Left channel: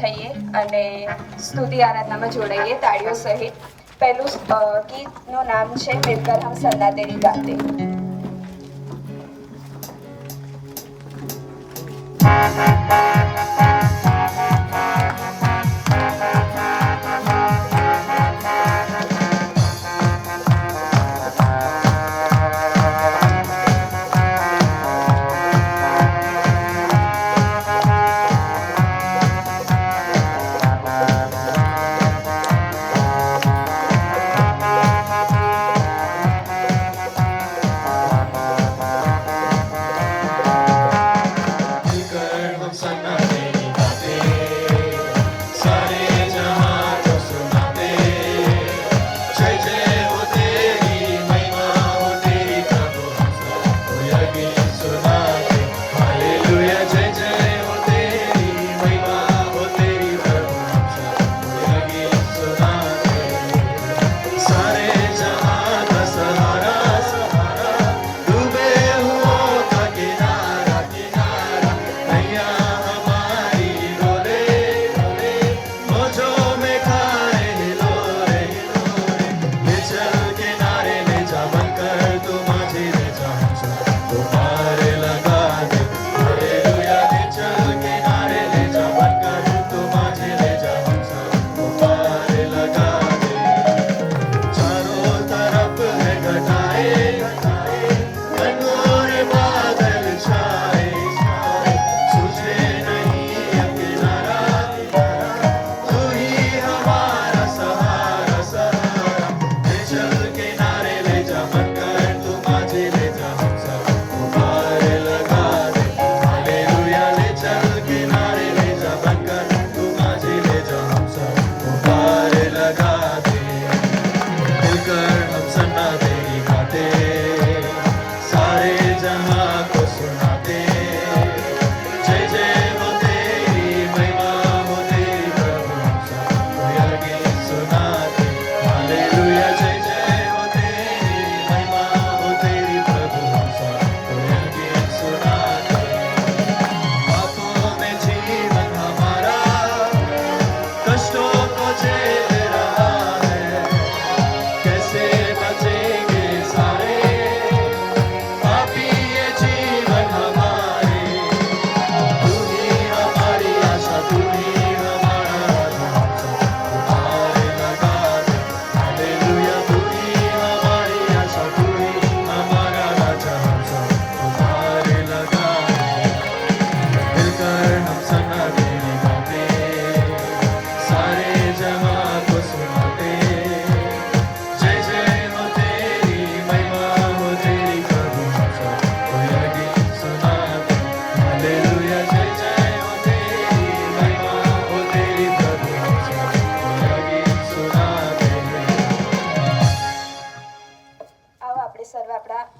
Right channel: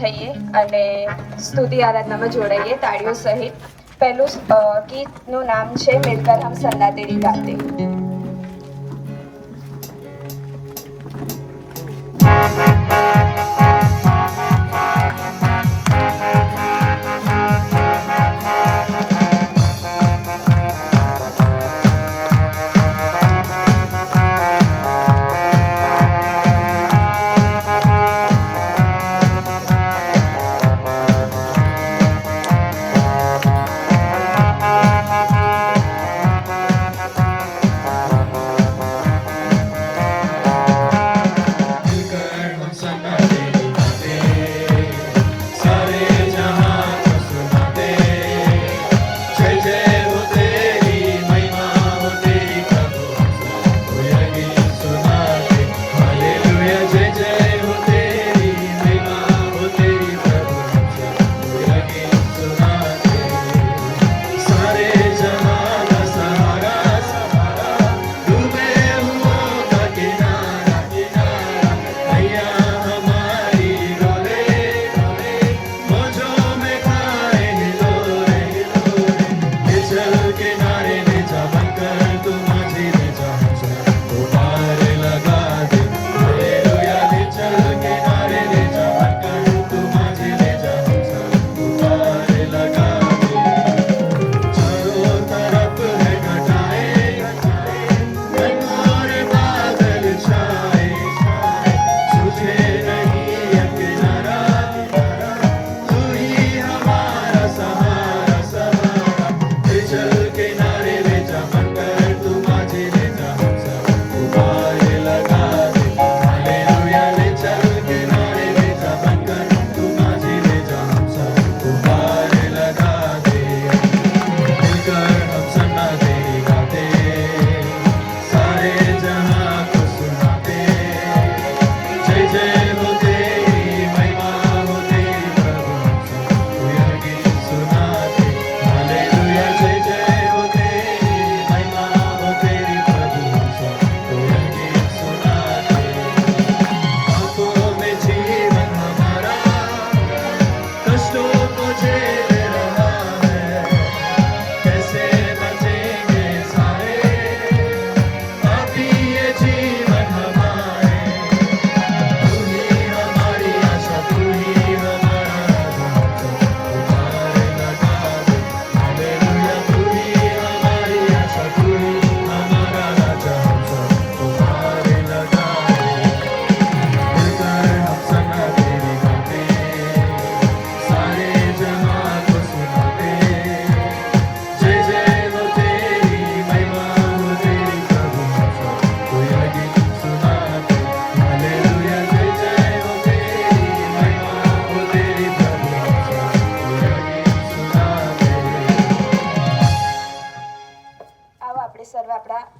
થઈએ અને સ્તુતિ આરાધનામાં જોડાઈએ તાળીઓ સહિત. પહેલું ગીતનું નામ છે મિલકર હમ સન્ના તેરી ગાતે.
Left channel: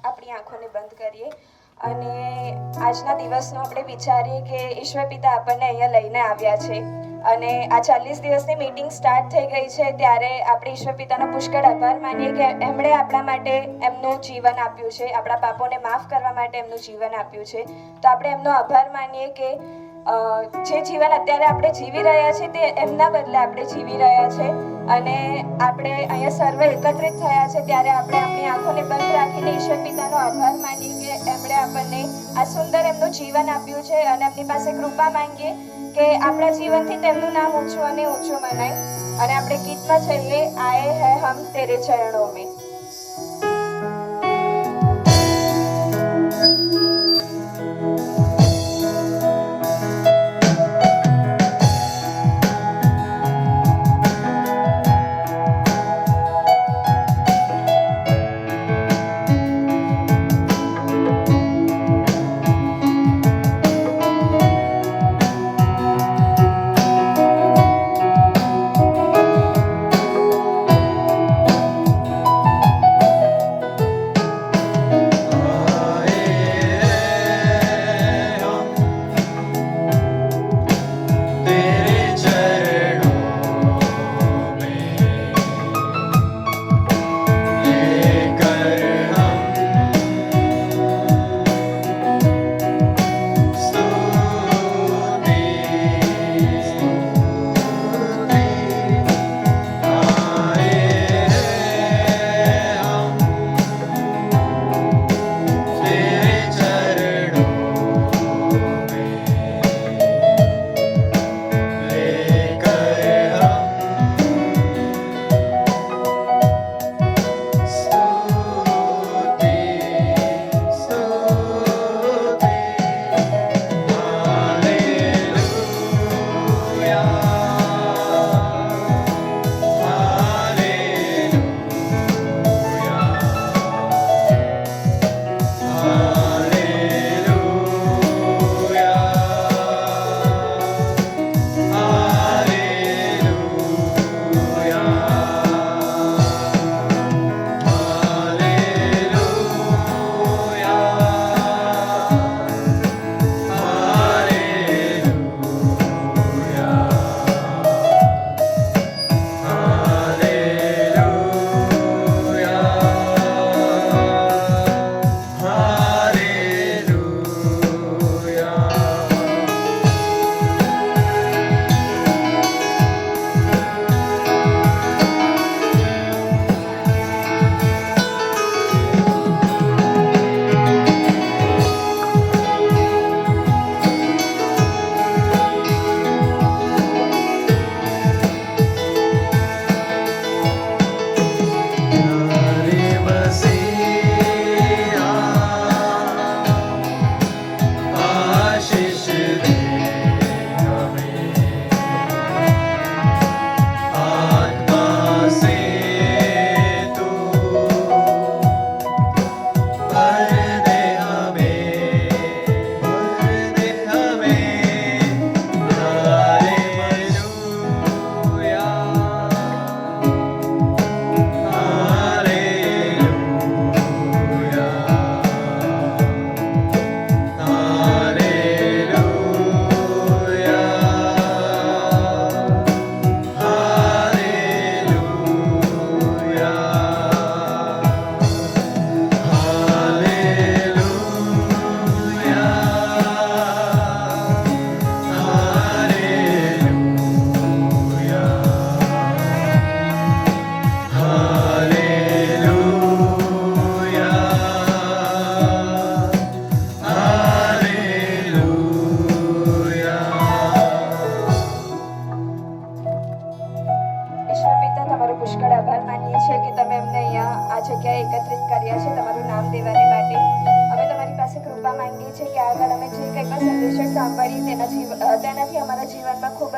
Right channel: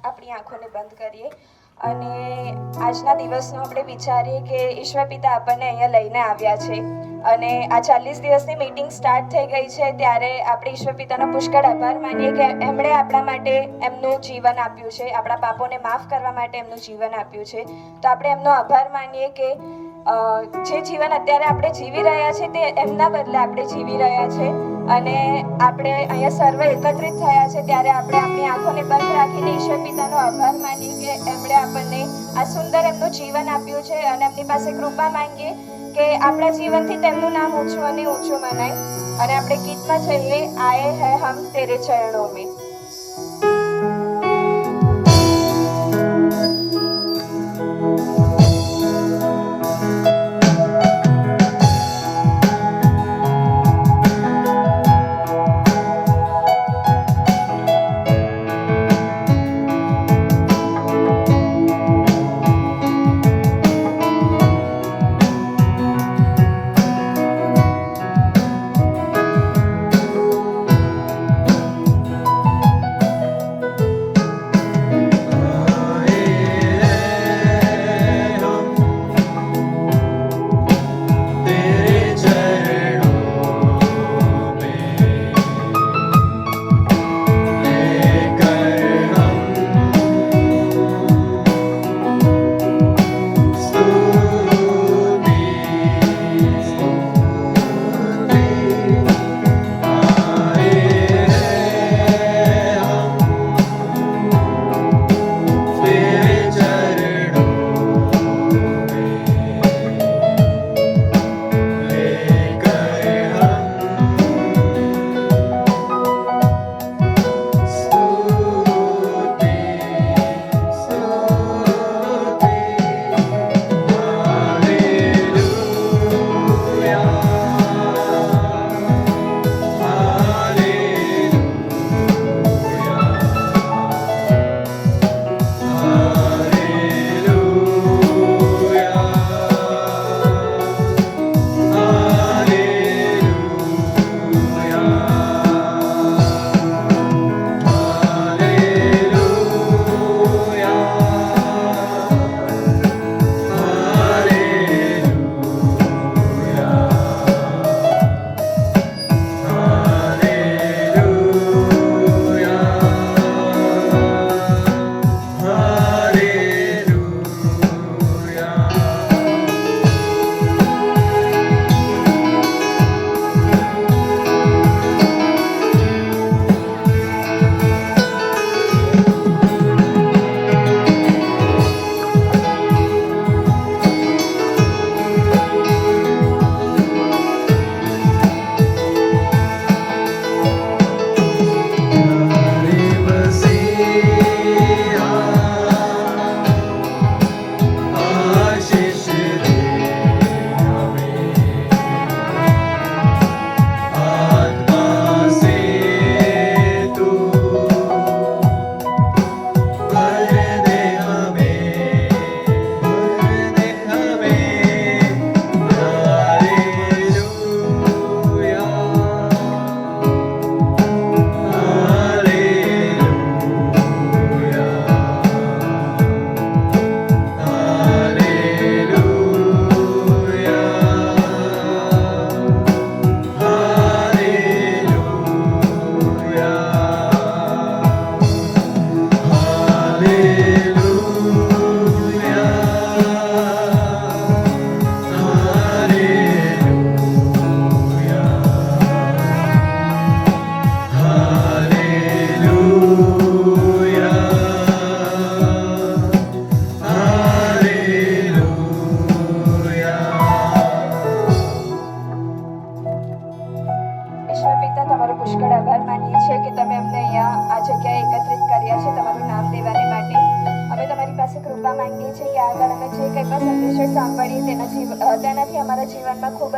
આપણી આંખોને બંધ કરીએ અને આજના દિવસનો આપણે વિચારીએ કે ઈશ્વર પિતા આપણને અહીંયા લઈને આવ્યા છે અને આ 40 દિવસની મીટિંગ સ્ટાર્ટ થઈ ગઈ છે ત્યારે આપણે ઈશ્વર પિતાનો પુષ્કળ આભાર માનીએ કે એમણે આપણા માટે એમનું જીવન આપ્યું છે, આપણા પાપોને માફ કરવા માટે એમનું જીવન આપ્યું છે. તો આપણે એમનો આભાર માનીએ કે જે જીવન અત્યારે આપણે જીવી રહ્યા છે તે એમના બદલે આપણે જીવી રહ્યા છે અને આપણે અહીંયા સર્વે એકત્રિત થયા છે ત્યારે આપણે આપણી આંખોને બંધ રાખીને ઈશ્વર પિતાનો આભાર માનીએ કે એમણે આપણને આ સુંદર એમનું જીવન આપ્યું છે અને એમની પાસે કૃપા માંગીએ કે આપણા જીવનથી તેમનું નામ ઊંચું અને ઊંચું મનાય. અને આપણે ગીતમાં જઈએ આયે હૈ હમ તેરે ચરણો મેં.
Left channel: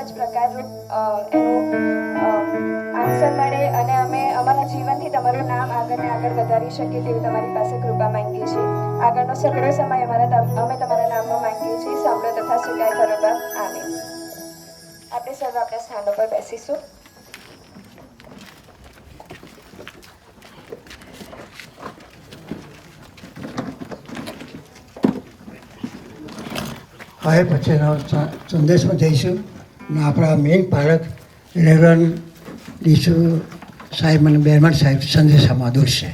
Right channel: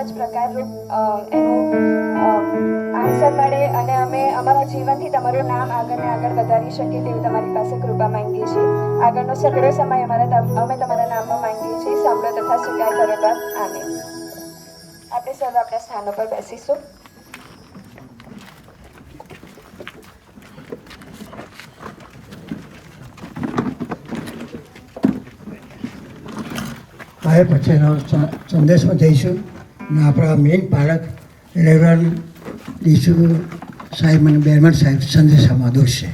જ પ્રકારનું એનું આન્સર મળે અને અમે અમારા જીવનથી તમારું નામ આગળ ને આગળ વધારી શકીએ તેવી તમારી પાસે કૃપા માંગીએ છીએ. આગળનો સગળો સમય અમે તમારા નામમાં માંગીએ છીએ. સાંભળો તથા સ્વીકાર કરો બાપ. આમીન. આપણે સર્વ આપણા સ્થાનો પર બેસીશું. હવે પછીનો સંદેશમાં જઈશું અને આપણા મેઇન પાલક રેવરન ડીસુ સાહેબ અને બેરમન સાહેબ સંદેશામાં દોરશે.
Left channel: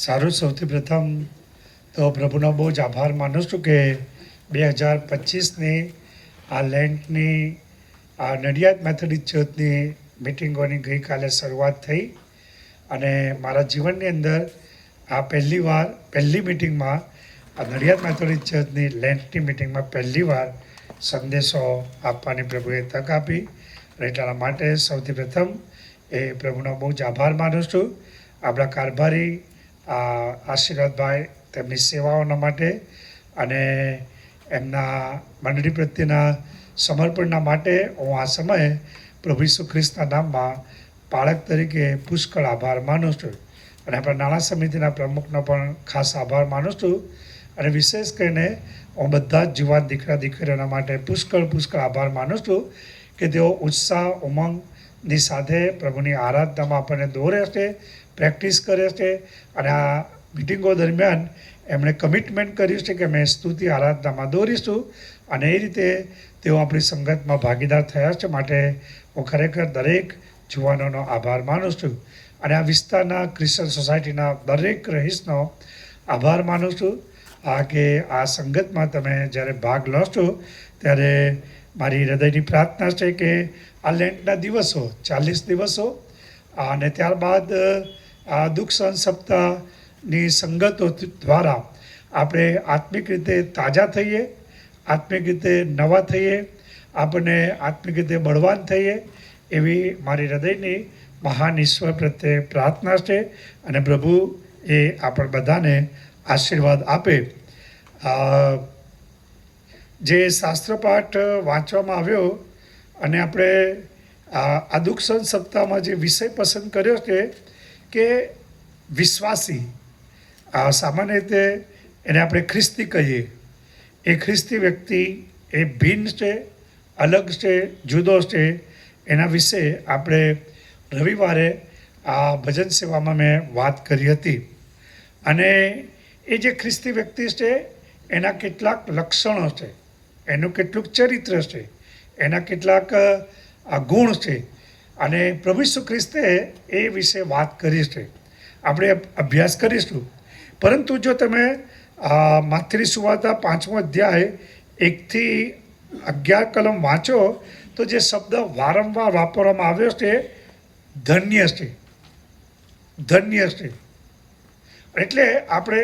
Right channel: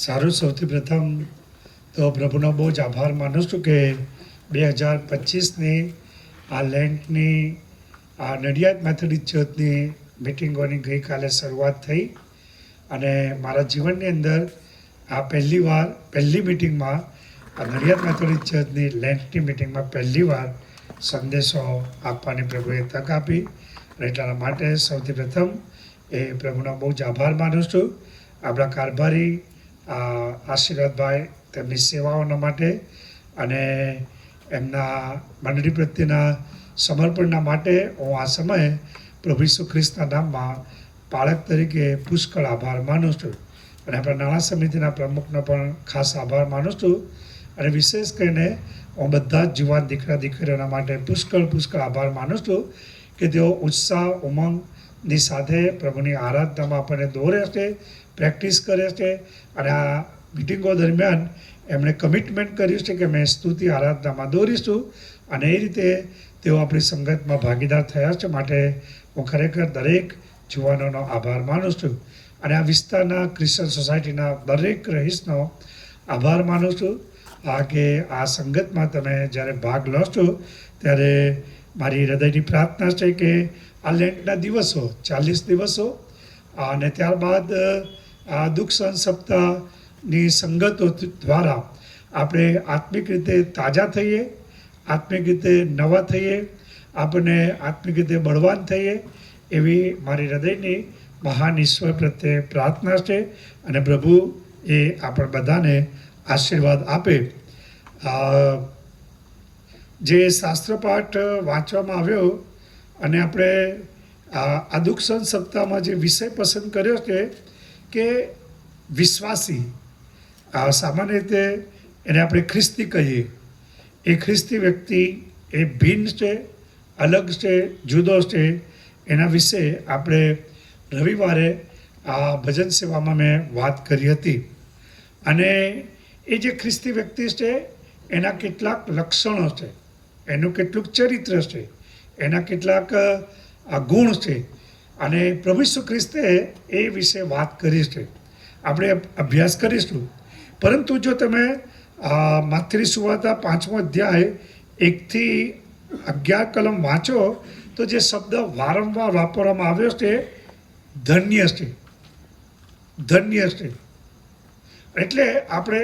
સારું, સૌથી પ્રથમ તો પ્રભુનો બહુ જ આભાર માનું છું કે 2025ની આ લેન્ટની આ નડિયાદ મેથોડિસ્ટ ચર્ચની મિટિંગોની ગઈકાલે શરૂઆત થઈ અને મારા જીવનની અંદર આ પહેલી મિટિંગમાં આ નડિયાદ મેથોડિસ્ટ ચર્ચની લેન્ટની મિટિંગમાં પહેલીવાર સંદેશો આપવાની પ્રભુએ તક આપી અને એટલા માટે સૌથી પ્રથમ એ પ્રભુનો બહુ જ આભાર માનું છું. આપણા કારભારી આશીર્વાદભાઈ તેમની સેવાઓના માટે અને એમના મંડળી પ્રત્યેના સમર્પણના માટે હું આ સમયે પ્રભુ ઈસુ ખ્રિસ્તના નામમાં પાળક તરીકે પુષ્કળ આભાર માનું છું અને આપણા નાણાં સમિતિના પ્રમુખનો પણ ખાસ આભાર માનું છું અને વિશેષ કરીને હું બધા જ જુવાન દીકરા દીકરીઓના માટે પુષ્કળ આભાર માનું છું કે તેઓ ઉત્સાહ ઉમંગની સાથે પ્રભુની આરાધનામાં આપણને દોરે છે, પ્રેક્ટિસ કરે છે અને આ મિટિંગો દરમિયાન એમણે કમિટમેન્ટ કર્યું છે કે મેં સ્તુતિ આરાધનામાં દોરીશું અને એ રીતે તેઓ આપણી સંગતમાં ભાગીદાર થયા છે. માટે હું ખરેખર દરેક જુવાનોનો આભાર માનું છું અને આ વિસ્તારના ક્રિશ્ચન સોસાયટીના દરેક રહીશનો આભાર માનું છું કે આ સંગતમાં તમે જ્યારે ભાગ લો છો ત્યારે મારી હૃદયની પ્રાર્થના છે કે આ લેન્ટના દિવસો 40 દિવસો અને ત્યારબાદ આ દુઃખ સહન સપ્તાહની સંગતો દ્વારા આપણે આત્મિક રીતે તાજા થઈએ, આત્મિક રીતે નવા થઈએ, આપણને આત્મિક રીતે બળવાન થઈએ એવી મારી હૃદયની મહાન ઈશ્વર પ્રત્યે પ્રાર્થના છે અને પ્રભુ એ આપણે બધાને આશીર્વાદ આપે. જે શાસ્ત્રપાઠ વાંચવામાં આવ્યો અને આપણે આ દુઃખ સહન સપ્તાહમાં જે વિષય પસંદ કર્યો છે કે વિશ્વાસી, સામાન્ય રીતે એને આપણે ખ્રિસ્તી કહીએ. એ ખ્રિસ્તી વ્યક્તિ એ ભિન્ન છે, અલગ છે, જુદો છે. એના વિશે આપણે રવિવારે આ ભજન સેવામાં મેં વાત કરી હતી અને એ જે ખ્રિસ્તી વ્યક્તિ છે એના કેટલાક લક્ષણો છે, એનું કેટલુંક ચરિત્ર છે, એના કેટલાક ગુણ છે અને પ્રભુ ઈસુ ખ્રિસ્તે એ વિશે વાત કરી છે. આપણે અભ્યાસ કરીશું. પરંતુ જો તમે માથેરી સુવાર્તા 5મો અધ્યાય 1-11 કલમ વાંચો તો જે શબ્દ વારંવાર વાપરવામાં આવ્યો છે ધન્ય છે, ધન્ય છે. એટલે આપણે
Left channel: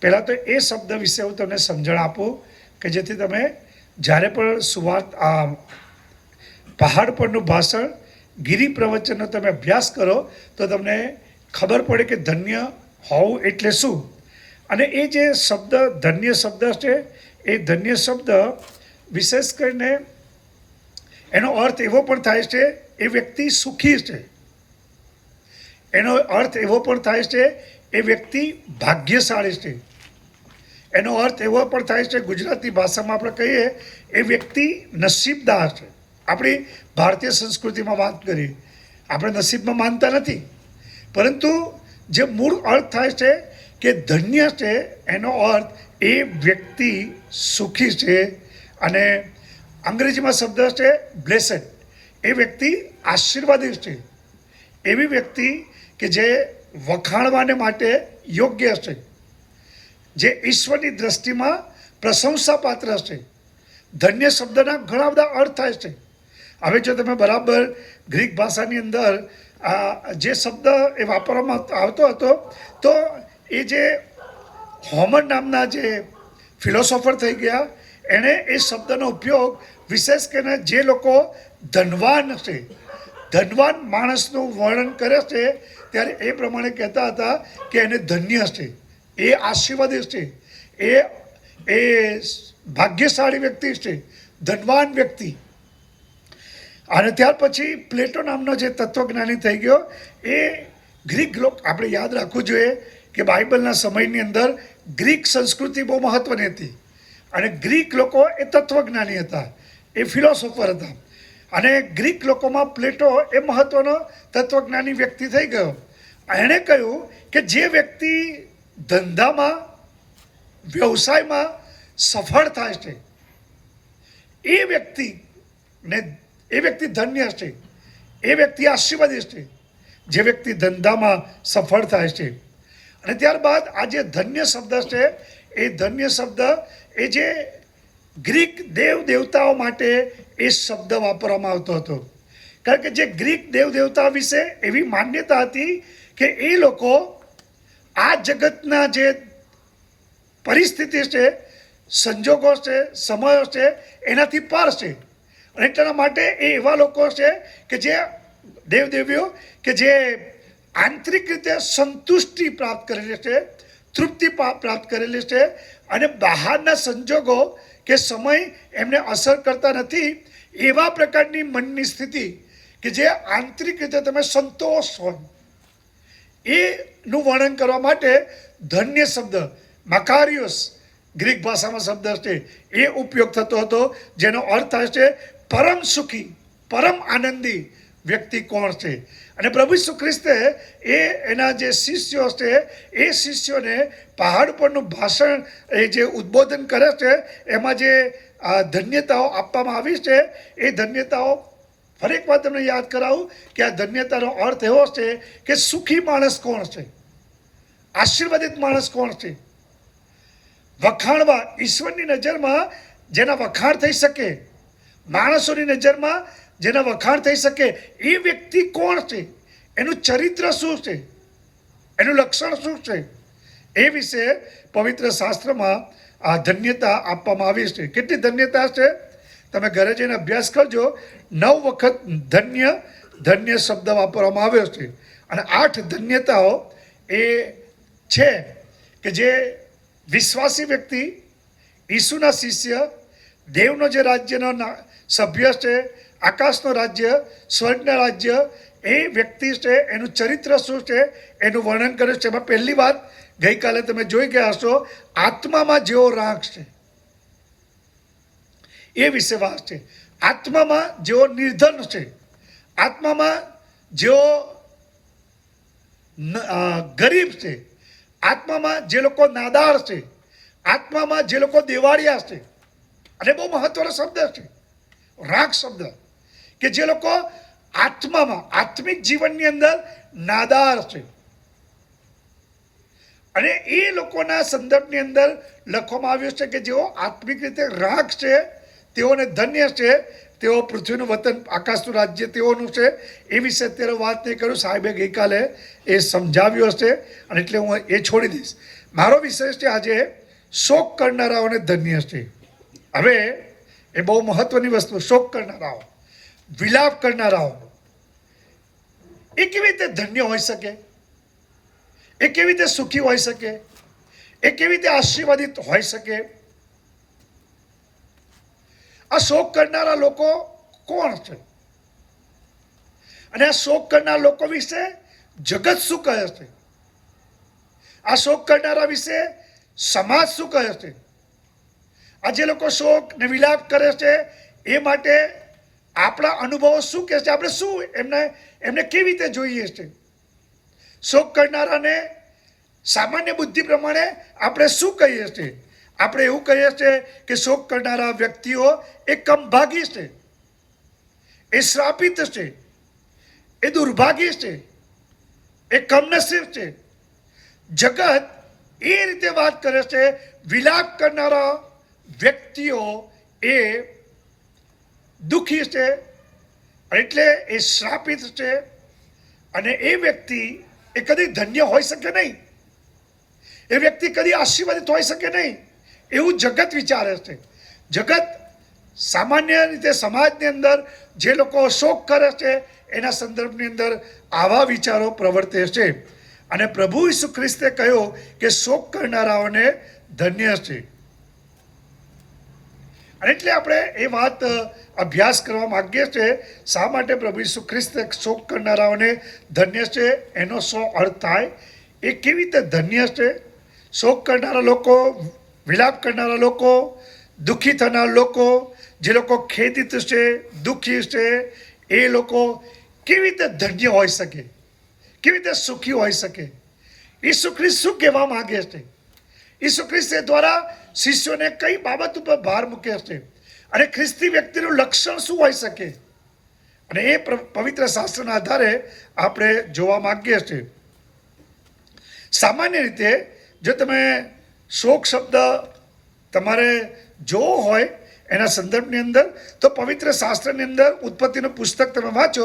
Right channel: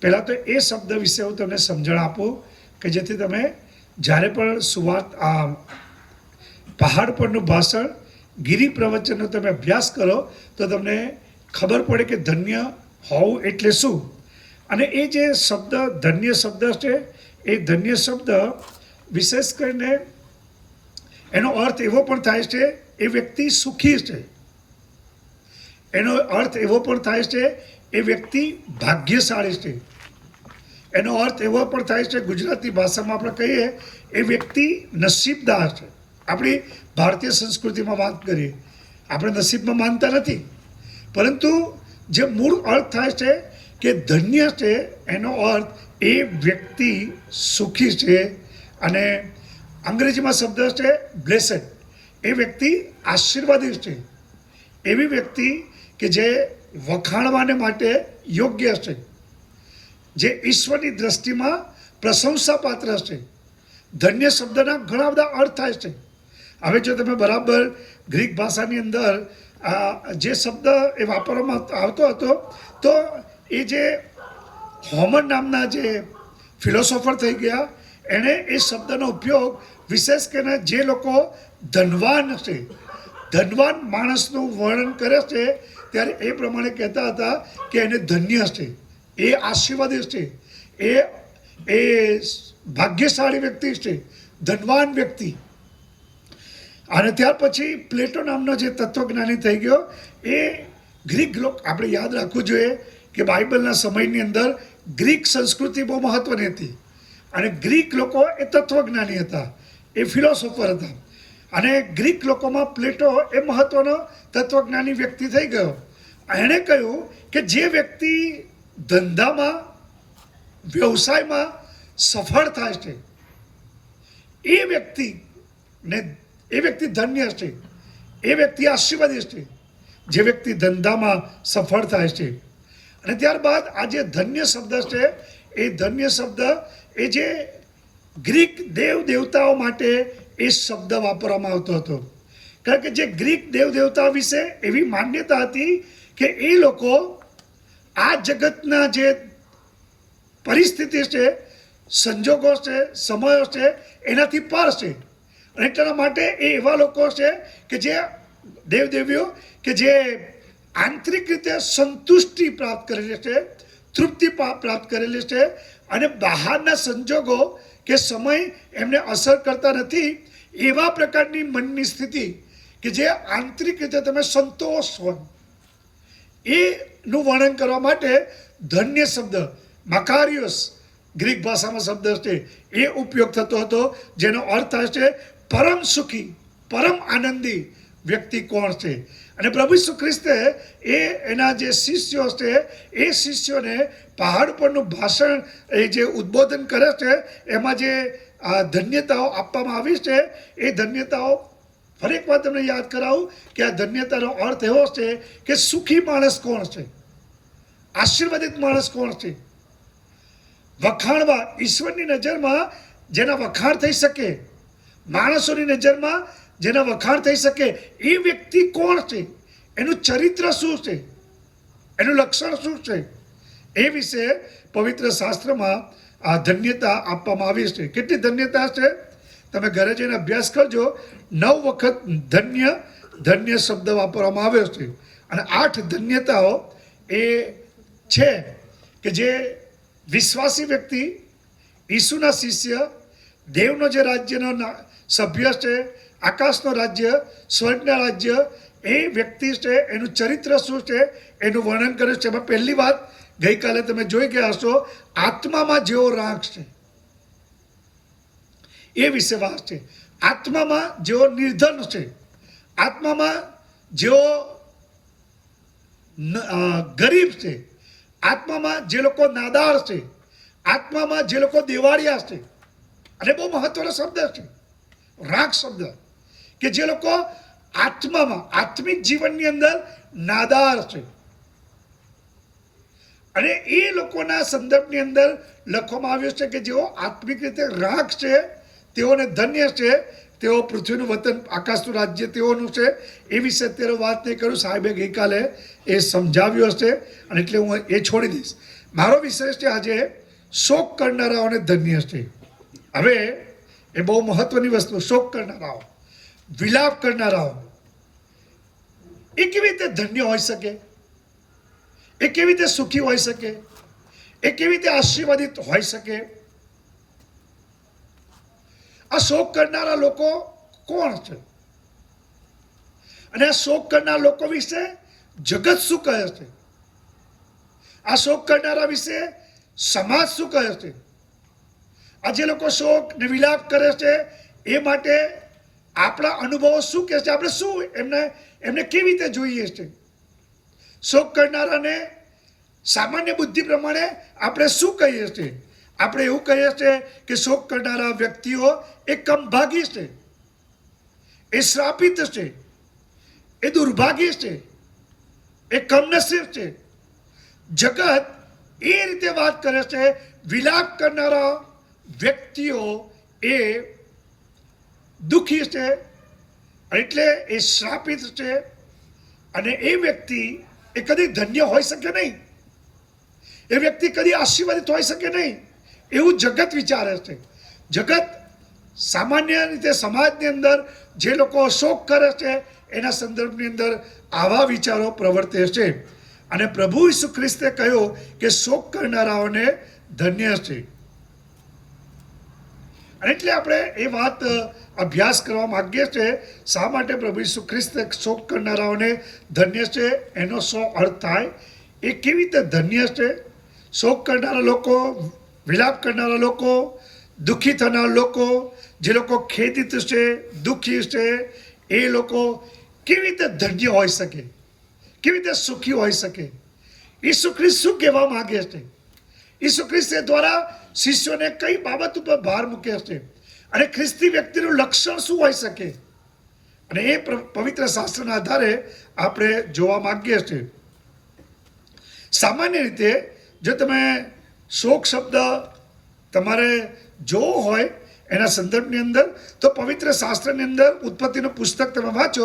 પહેલાં તો એ શબ્દ વિશે હું તમને સમજણ આપું કે જેથી તમે જ્યારે પણ પહાડ પરનું ભાષણ, ગિરી પ્રવચનનો તમે અભ્યાસ કરો તો તમને ખબર પડે કે ધન્ય હોવું એટલે શું. અને એ જે શબ્દ ધન્ય શબ્દ છે એ ધન્ય શબ્દ વિશેષ કરીને એનો અર્થ એવો પણ થાય છે એ વ્યક્તિ સુખી છે, એનો અર્થ એવો પણ થાય છે એ વ્યક્તિ ભાગ્યશાળી છે, એનો અર્થ એવો પણ થાય છે ગુજરાતી ભાષામાં આપણે કહીએ એ વ્યક્તિ નસીબદાર છે. આપણી ભારતીય સંસ્કૃતિમાં વાત કરીએ, આપણે નસીબમાં માનતા નથી, પરંતુ જે મૂળ અર્થ થાય છે કે ધન્ય છે એનો અર્થ એ વ્યક્તિ સુખી છે અને અંગ્રેજીમાં શબ્દ છે બ્લેસડ. એ વ્યક્તિ આશીર્વાદિત છે, એવી વ્યક્તિ કે જે વખાણવાને માટે યોગ્ય છે, જે ઈશ્વરની દ્રષ્ટિમાં પ્રશંસાપાત્ર છે. ધન્ય શબ્દના ઘણા બધા અર્થ થાય છે. હવે જો તમે બરાબર ગ્રીક ભાષાની અંદર જે શબ્દ એ વાપરવામાં આવતો હતો તો એ જે હોમર નામના જે ફિલોસોફર થઈ ગયા, એણે એ શબ્દનો ઉપયોગ વિશેષ કરીને જે લોકો ધનવાન છે, ધનવાન માણસનું વર્ણન કરે છે, ત્યારે એ પ્રમાણે કહેતા હતા કે એને ધન્ય છે, એ આશીર્વાદિત છે, એ ભાગ્યશાળી વ્યક્તિ છે, ધનવાન વ્યક્તિ. અને ત્યાર પછી પ્લેટો નામનો જે તત્વજ્ઞાની થઈ ગયો, એ ગ્રીક લોક, આપણે યાદ રાખવું જોઈએ કે બાઇબલના સમયની અંદર ગ્રીક સંસ્કૃતિ બહુ મહત્વની હતી, અને ગ્રીક લોકો એ તત્વજ્ઞાની હતા, એ ફિલોસોફર હતા. અને ગ્રીક લોકોમાં પ્લેટો એ મહત્વનો તત્વજ્ઞાની વ્યક્તિ થઈ ગયો. એણે કહ્યું કે જે વ્યક્તિ ધંધામાં, વ્યવસાયમાં સફળ થાય છે, એ વ્યક્તિ ધન્ય છે, એ વ્યક્તિ આશીર્વાદિત છે, જે વ્યક્તિ ધંધામાં સફળ થાય છે. અને ત્યારબાદ આ જે ધન્ય શબ્દ છે, એ ધન્ય શબ્દ એ જે ગ્રીક દેવ દેવતાઓ માટે એ શબ્દ વાપરવામાં આવતો હતો. કારણ કે જે ગ્રીક દેવ દેવતાઓ વિશે એવી માન્યતા હતી કે એ લોકો આ જગતના જે પરિસ્થિતિ છે, સંજોગો છે, સમયો છે, એનાથી પાર છે. અને એટલા માટે એ એવા લોકો છે કે જે દેવદેવીઓ કે જે આંતરિક રીતે સંતુષ્ટિ પ્રાપ્ત કરેલી છે, તૃપ્તિ પ્રાપ્ત કરેલી છે, અને બહારના સંજોગો કે સમય એમને અસર કરતા નથી, એવા પ્રકારની મનની સ્થિતિ કે જે આંતરિક રીતે તમે સંતોષ હોય, એનું વર્ણન કરવા માટે ધન્ય શબ્દ મકારિયોસ ગ્રીક ભાષામાં શબ્દ છે, એ ઉપયોગ થતો હતો, જેનો અર્થ થાય છે પરમ સુખી, પરમ આનંદી વ્યક્તિ કોણ છે. અને પ્રભુ ઈસુ ખ્રિસ્તે એના જે શિષ્યો છે, એ શિષ્યોને પહાડ પરનું ભાષણ, એ જે ઉદ્બોધન કરે છે, એમાં જે ધન્યતાઓ આપવામાં આવી છે, એ ધન્યતાઓ ફરી એક વાર તમને યાદ કરાવું કે આ ધન્યતાનો અર્થ એવો છે કે સુખી માણસ કોણ છે, આશીર્વાદિત માણસ કોણ છે, વખાણવા, ઈશ્વરની નજરમાં જેના વખાણ થઈ શકે, માણસોની નજરમાં જેના વખાણ થઈ શકે, એ વ્યક્તિ કોણ છે, એનું ચરિત્ર શું છે, એનું લક્ષણ શું છે, એ વિશે પવિત્ર શાસ્ત્રમાં આ ધન્યતા આપવામાં આવી છે. કેટલી ધન્યતા છે તમે ઘરે જઈને અભ્યાસ કરજો. 9 વખત ધન્ય શબ્દ વાપરવામાં આવ્યો છે. અને 8 ધન્યતાઓ એ છે કે જે વિશ્વાસી વ્યક્તિ, ઈસુના શિષ્ય, દેવનો જે રાજ્યનો સભ્ય છે, આકાશનો રાજ્ય, સ્વર્ગના રાજ્ય, એ વ્યક્તિ છે, એનું ચરિત્ર શું છે, એનું વર્ણન કર્યું છે. એમાં પહેલી વાત ગઈકાલે તમે જોઈ ગયા હશો, આત્મામાં જેવો રાગ છે, એ વિશે વાત છે. આત્મામાં જેવો નિર્ધન છે, આત્મામાં જેવો ગરીબ છે, આત્મામાં જે લોકો નાદાર છે, આત્મામાં જે લોકો દેવાળિયા છે. અને બહુ મહત્વનો શબ્દ છે રાગ શબ્દ, કે જે લોકો આત્મામાં, આત્મિક જીવનની અંદર નાદાર છે. અને એ લોકોના સંદર્ભની અંદર લખવામાં આવ્યું છે કે જેઓ આત્મિક રીતે રાગ છે, તેઓને ધન્ય છે, તેઓ પૃથ્વીનું વતન, આકાશનું રાજ્ય તેઓનું છે. એ વિશે અત્યારે વાત નહીં કરું, સાહેબે ગઈકાલે એ સમજાવ્યું હશે, અને એટલે હું એ છોડી દઈશ. મારો વિષય છે આજે શોક કરનારાઓને ધન્ય છે. હવે એ બહુ મહત્વની વસ્તુ, શોક કરનારાઓ, વિલાપ કરનારાઓ, એ કેવી રીતે ધન્ય હોઈ શકે, એ કેવી રીતે સુખી હોઈ શકે, એ કેવી રીતે આશીર્વાદિત હોઈ શકે. આ શોક કરનારા લોકો કોણ છે, અને આ શોક કરનારા લોકો વિશે જગત શું કહે છે, આ શોક કરનારા વિશે સમાજ શું કહે છે, આ જે લોકો શોક ને વિલાપ કરે છે, એ માટે આપણા અનુભવો શું કહે છે, આપણે શું એમને કેવી રીતે જોઈએ છે. શોક કરનારાને સામાન્ય બુદ્ધિ પ્રમાણે આપણે શું કહીએ છીએ? આપણે એવું કહીએ છીએ કે શોક કરનારા વ્યક્તિઓ એ કમભાગી છે, એ શ્રાપિત છે, એ દુર્ભાગી છે, એ કમનસીબ છે. જગત એ રીતે વાત કરે છે, વિલાપ કરનારા વ્યક્તિઓ એ દુઃખી છે, એટલે એ શ્રાપિત છે, અને એ વ્યક્તિ એ કદી ધન્ય હોઈ શકે નહીં. એ વ્યક્તિ કદી આશીર્વાદિત હોઈ શકે નહીં એવું જગત વિચારે છે. જગત સામાન્ય રીતે સમાજની અંદર જે લોકો શોક કરે છે એના સંદર્ભની અંદર આવા વિચારો પ્રવર્તે છે. અને પ્રભુ ઈસુ ખ્રિસ્તે કહ્યું કે શોક કરનારાઓને ધન્ય છે. અને એટલે આપણે એ વાત અભ્યાસ કરવા માગીએ છીએ. શા માટે પ્રભુ ઈસુ ખ્રિસ્તે શોક કરનારાઓને ધન્ય છે, એનો શું અર્થ થાય, એ કેવી રીતે ધન્ય છે. શોક કરનારા લોકો, વિલાપ કરનારા લોકો, દુઃખી થનારા લોકો, જે લોકો ખેદિત છે, દુઃખી છે, એ લોકો કેવી રીતે ધન્ય હોઈ શકે, કેવી રીતે સુખી હોઈ શકે. ઈસુ ખ્રિસ્ત શું કહેવા માંગે છે? ઈસુ ખ્રિસ્ત દ્વારા શિષ્યોને કઈ બાબત ઉપર ભાર મૂકે છે અને ખ્રિસ્તી વ્યક્તિનું લક્ષણ શું હોઈ શકે, અને એ પવિત્ર શાસ્ત્રના આધારે આપણે જોવા માંગીએ છીએ. સામાન્ય રીતે જો તમે શોક શબ્દ તમારે જોવો હોય એના સંદર્ભની અંદર, તો પવિત્ર શાસ્ત્રની અંદર ઉત્પત્તિનું પુસ્તક તમે વાંચો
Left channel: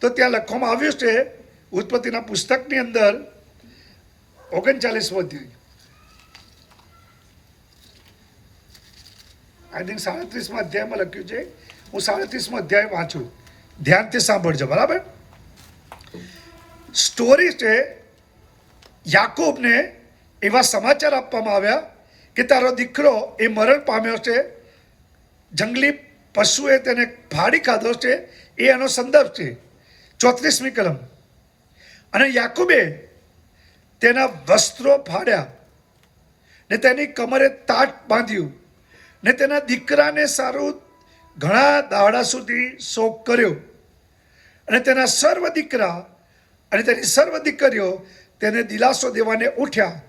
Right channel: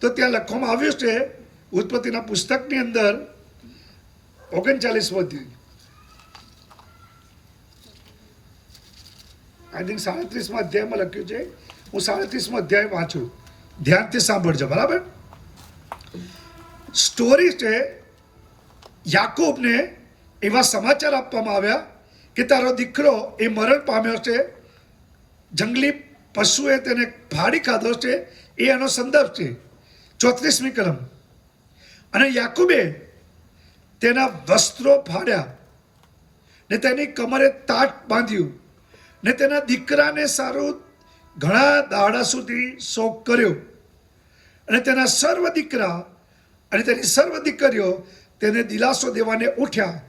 તો ત્યાં લખવામાં આવ્યું છે, ઉત્પત્તિના પુસ્તકની અંદર 39મો અધ્યાય, આઈ થિંક 37મા અધ્યાયમાં લખ્યું છે. હું 37મો અધ્યાય વાંચું, ધ્યાનથી સાંભળજો, બરાબર. સ્ટોરી છે, યાકૂબને એવા સમાચાર આપવામાં આવ્યા કે તારો દીકરો એ મરણ પામ્યો છે, જંગલી પશુએ તેને ફાડી ખાધો છે. એ એનો સંદર્ભ છે. 34મી કલમ. અને યાકૂબે તેના વસ્ત્રો ફાડ્યા ને તેની કમરે તાટ બાંધ્યું ને તેના દીકરાને સારું ઘણા દાડા સુધી શોક કર્યો. અને તેના સર્વ દીકરા અને તેની સર્વ દીકરીઓ તેને દિલાસો દેવાને ઉઠ્યા,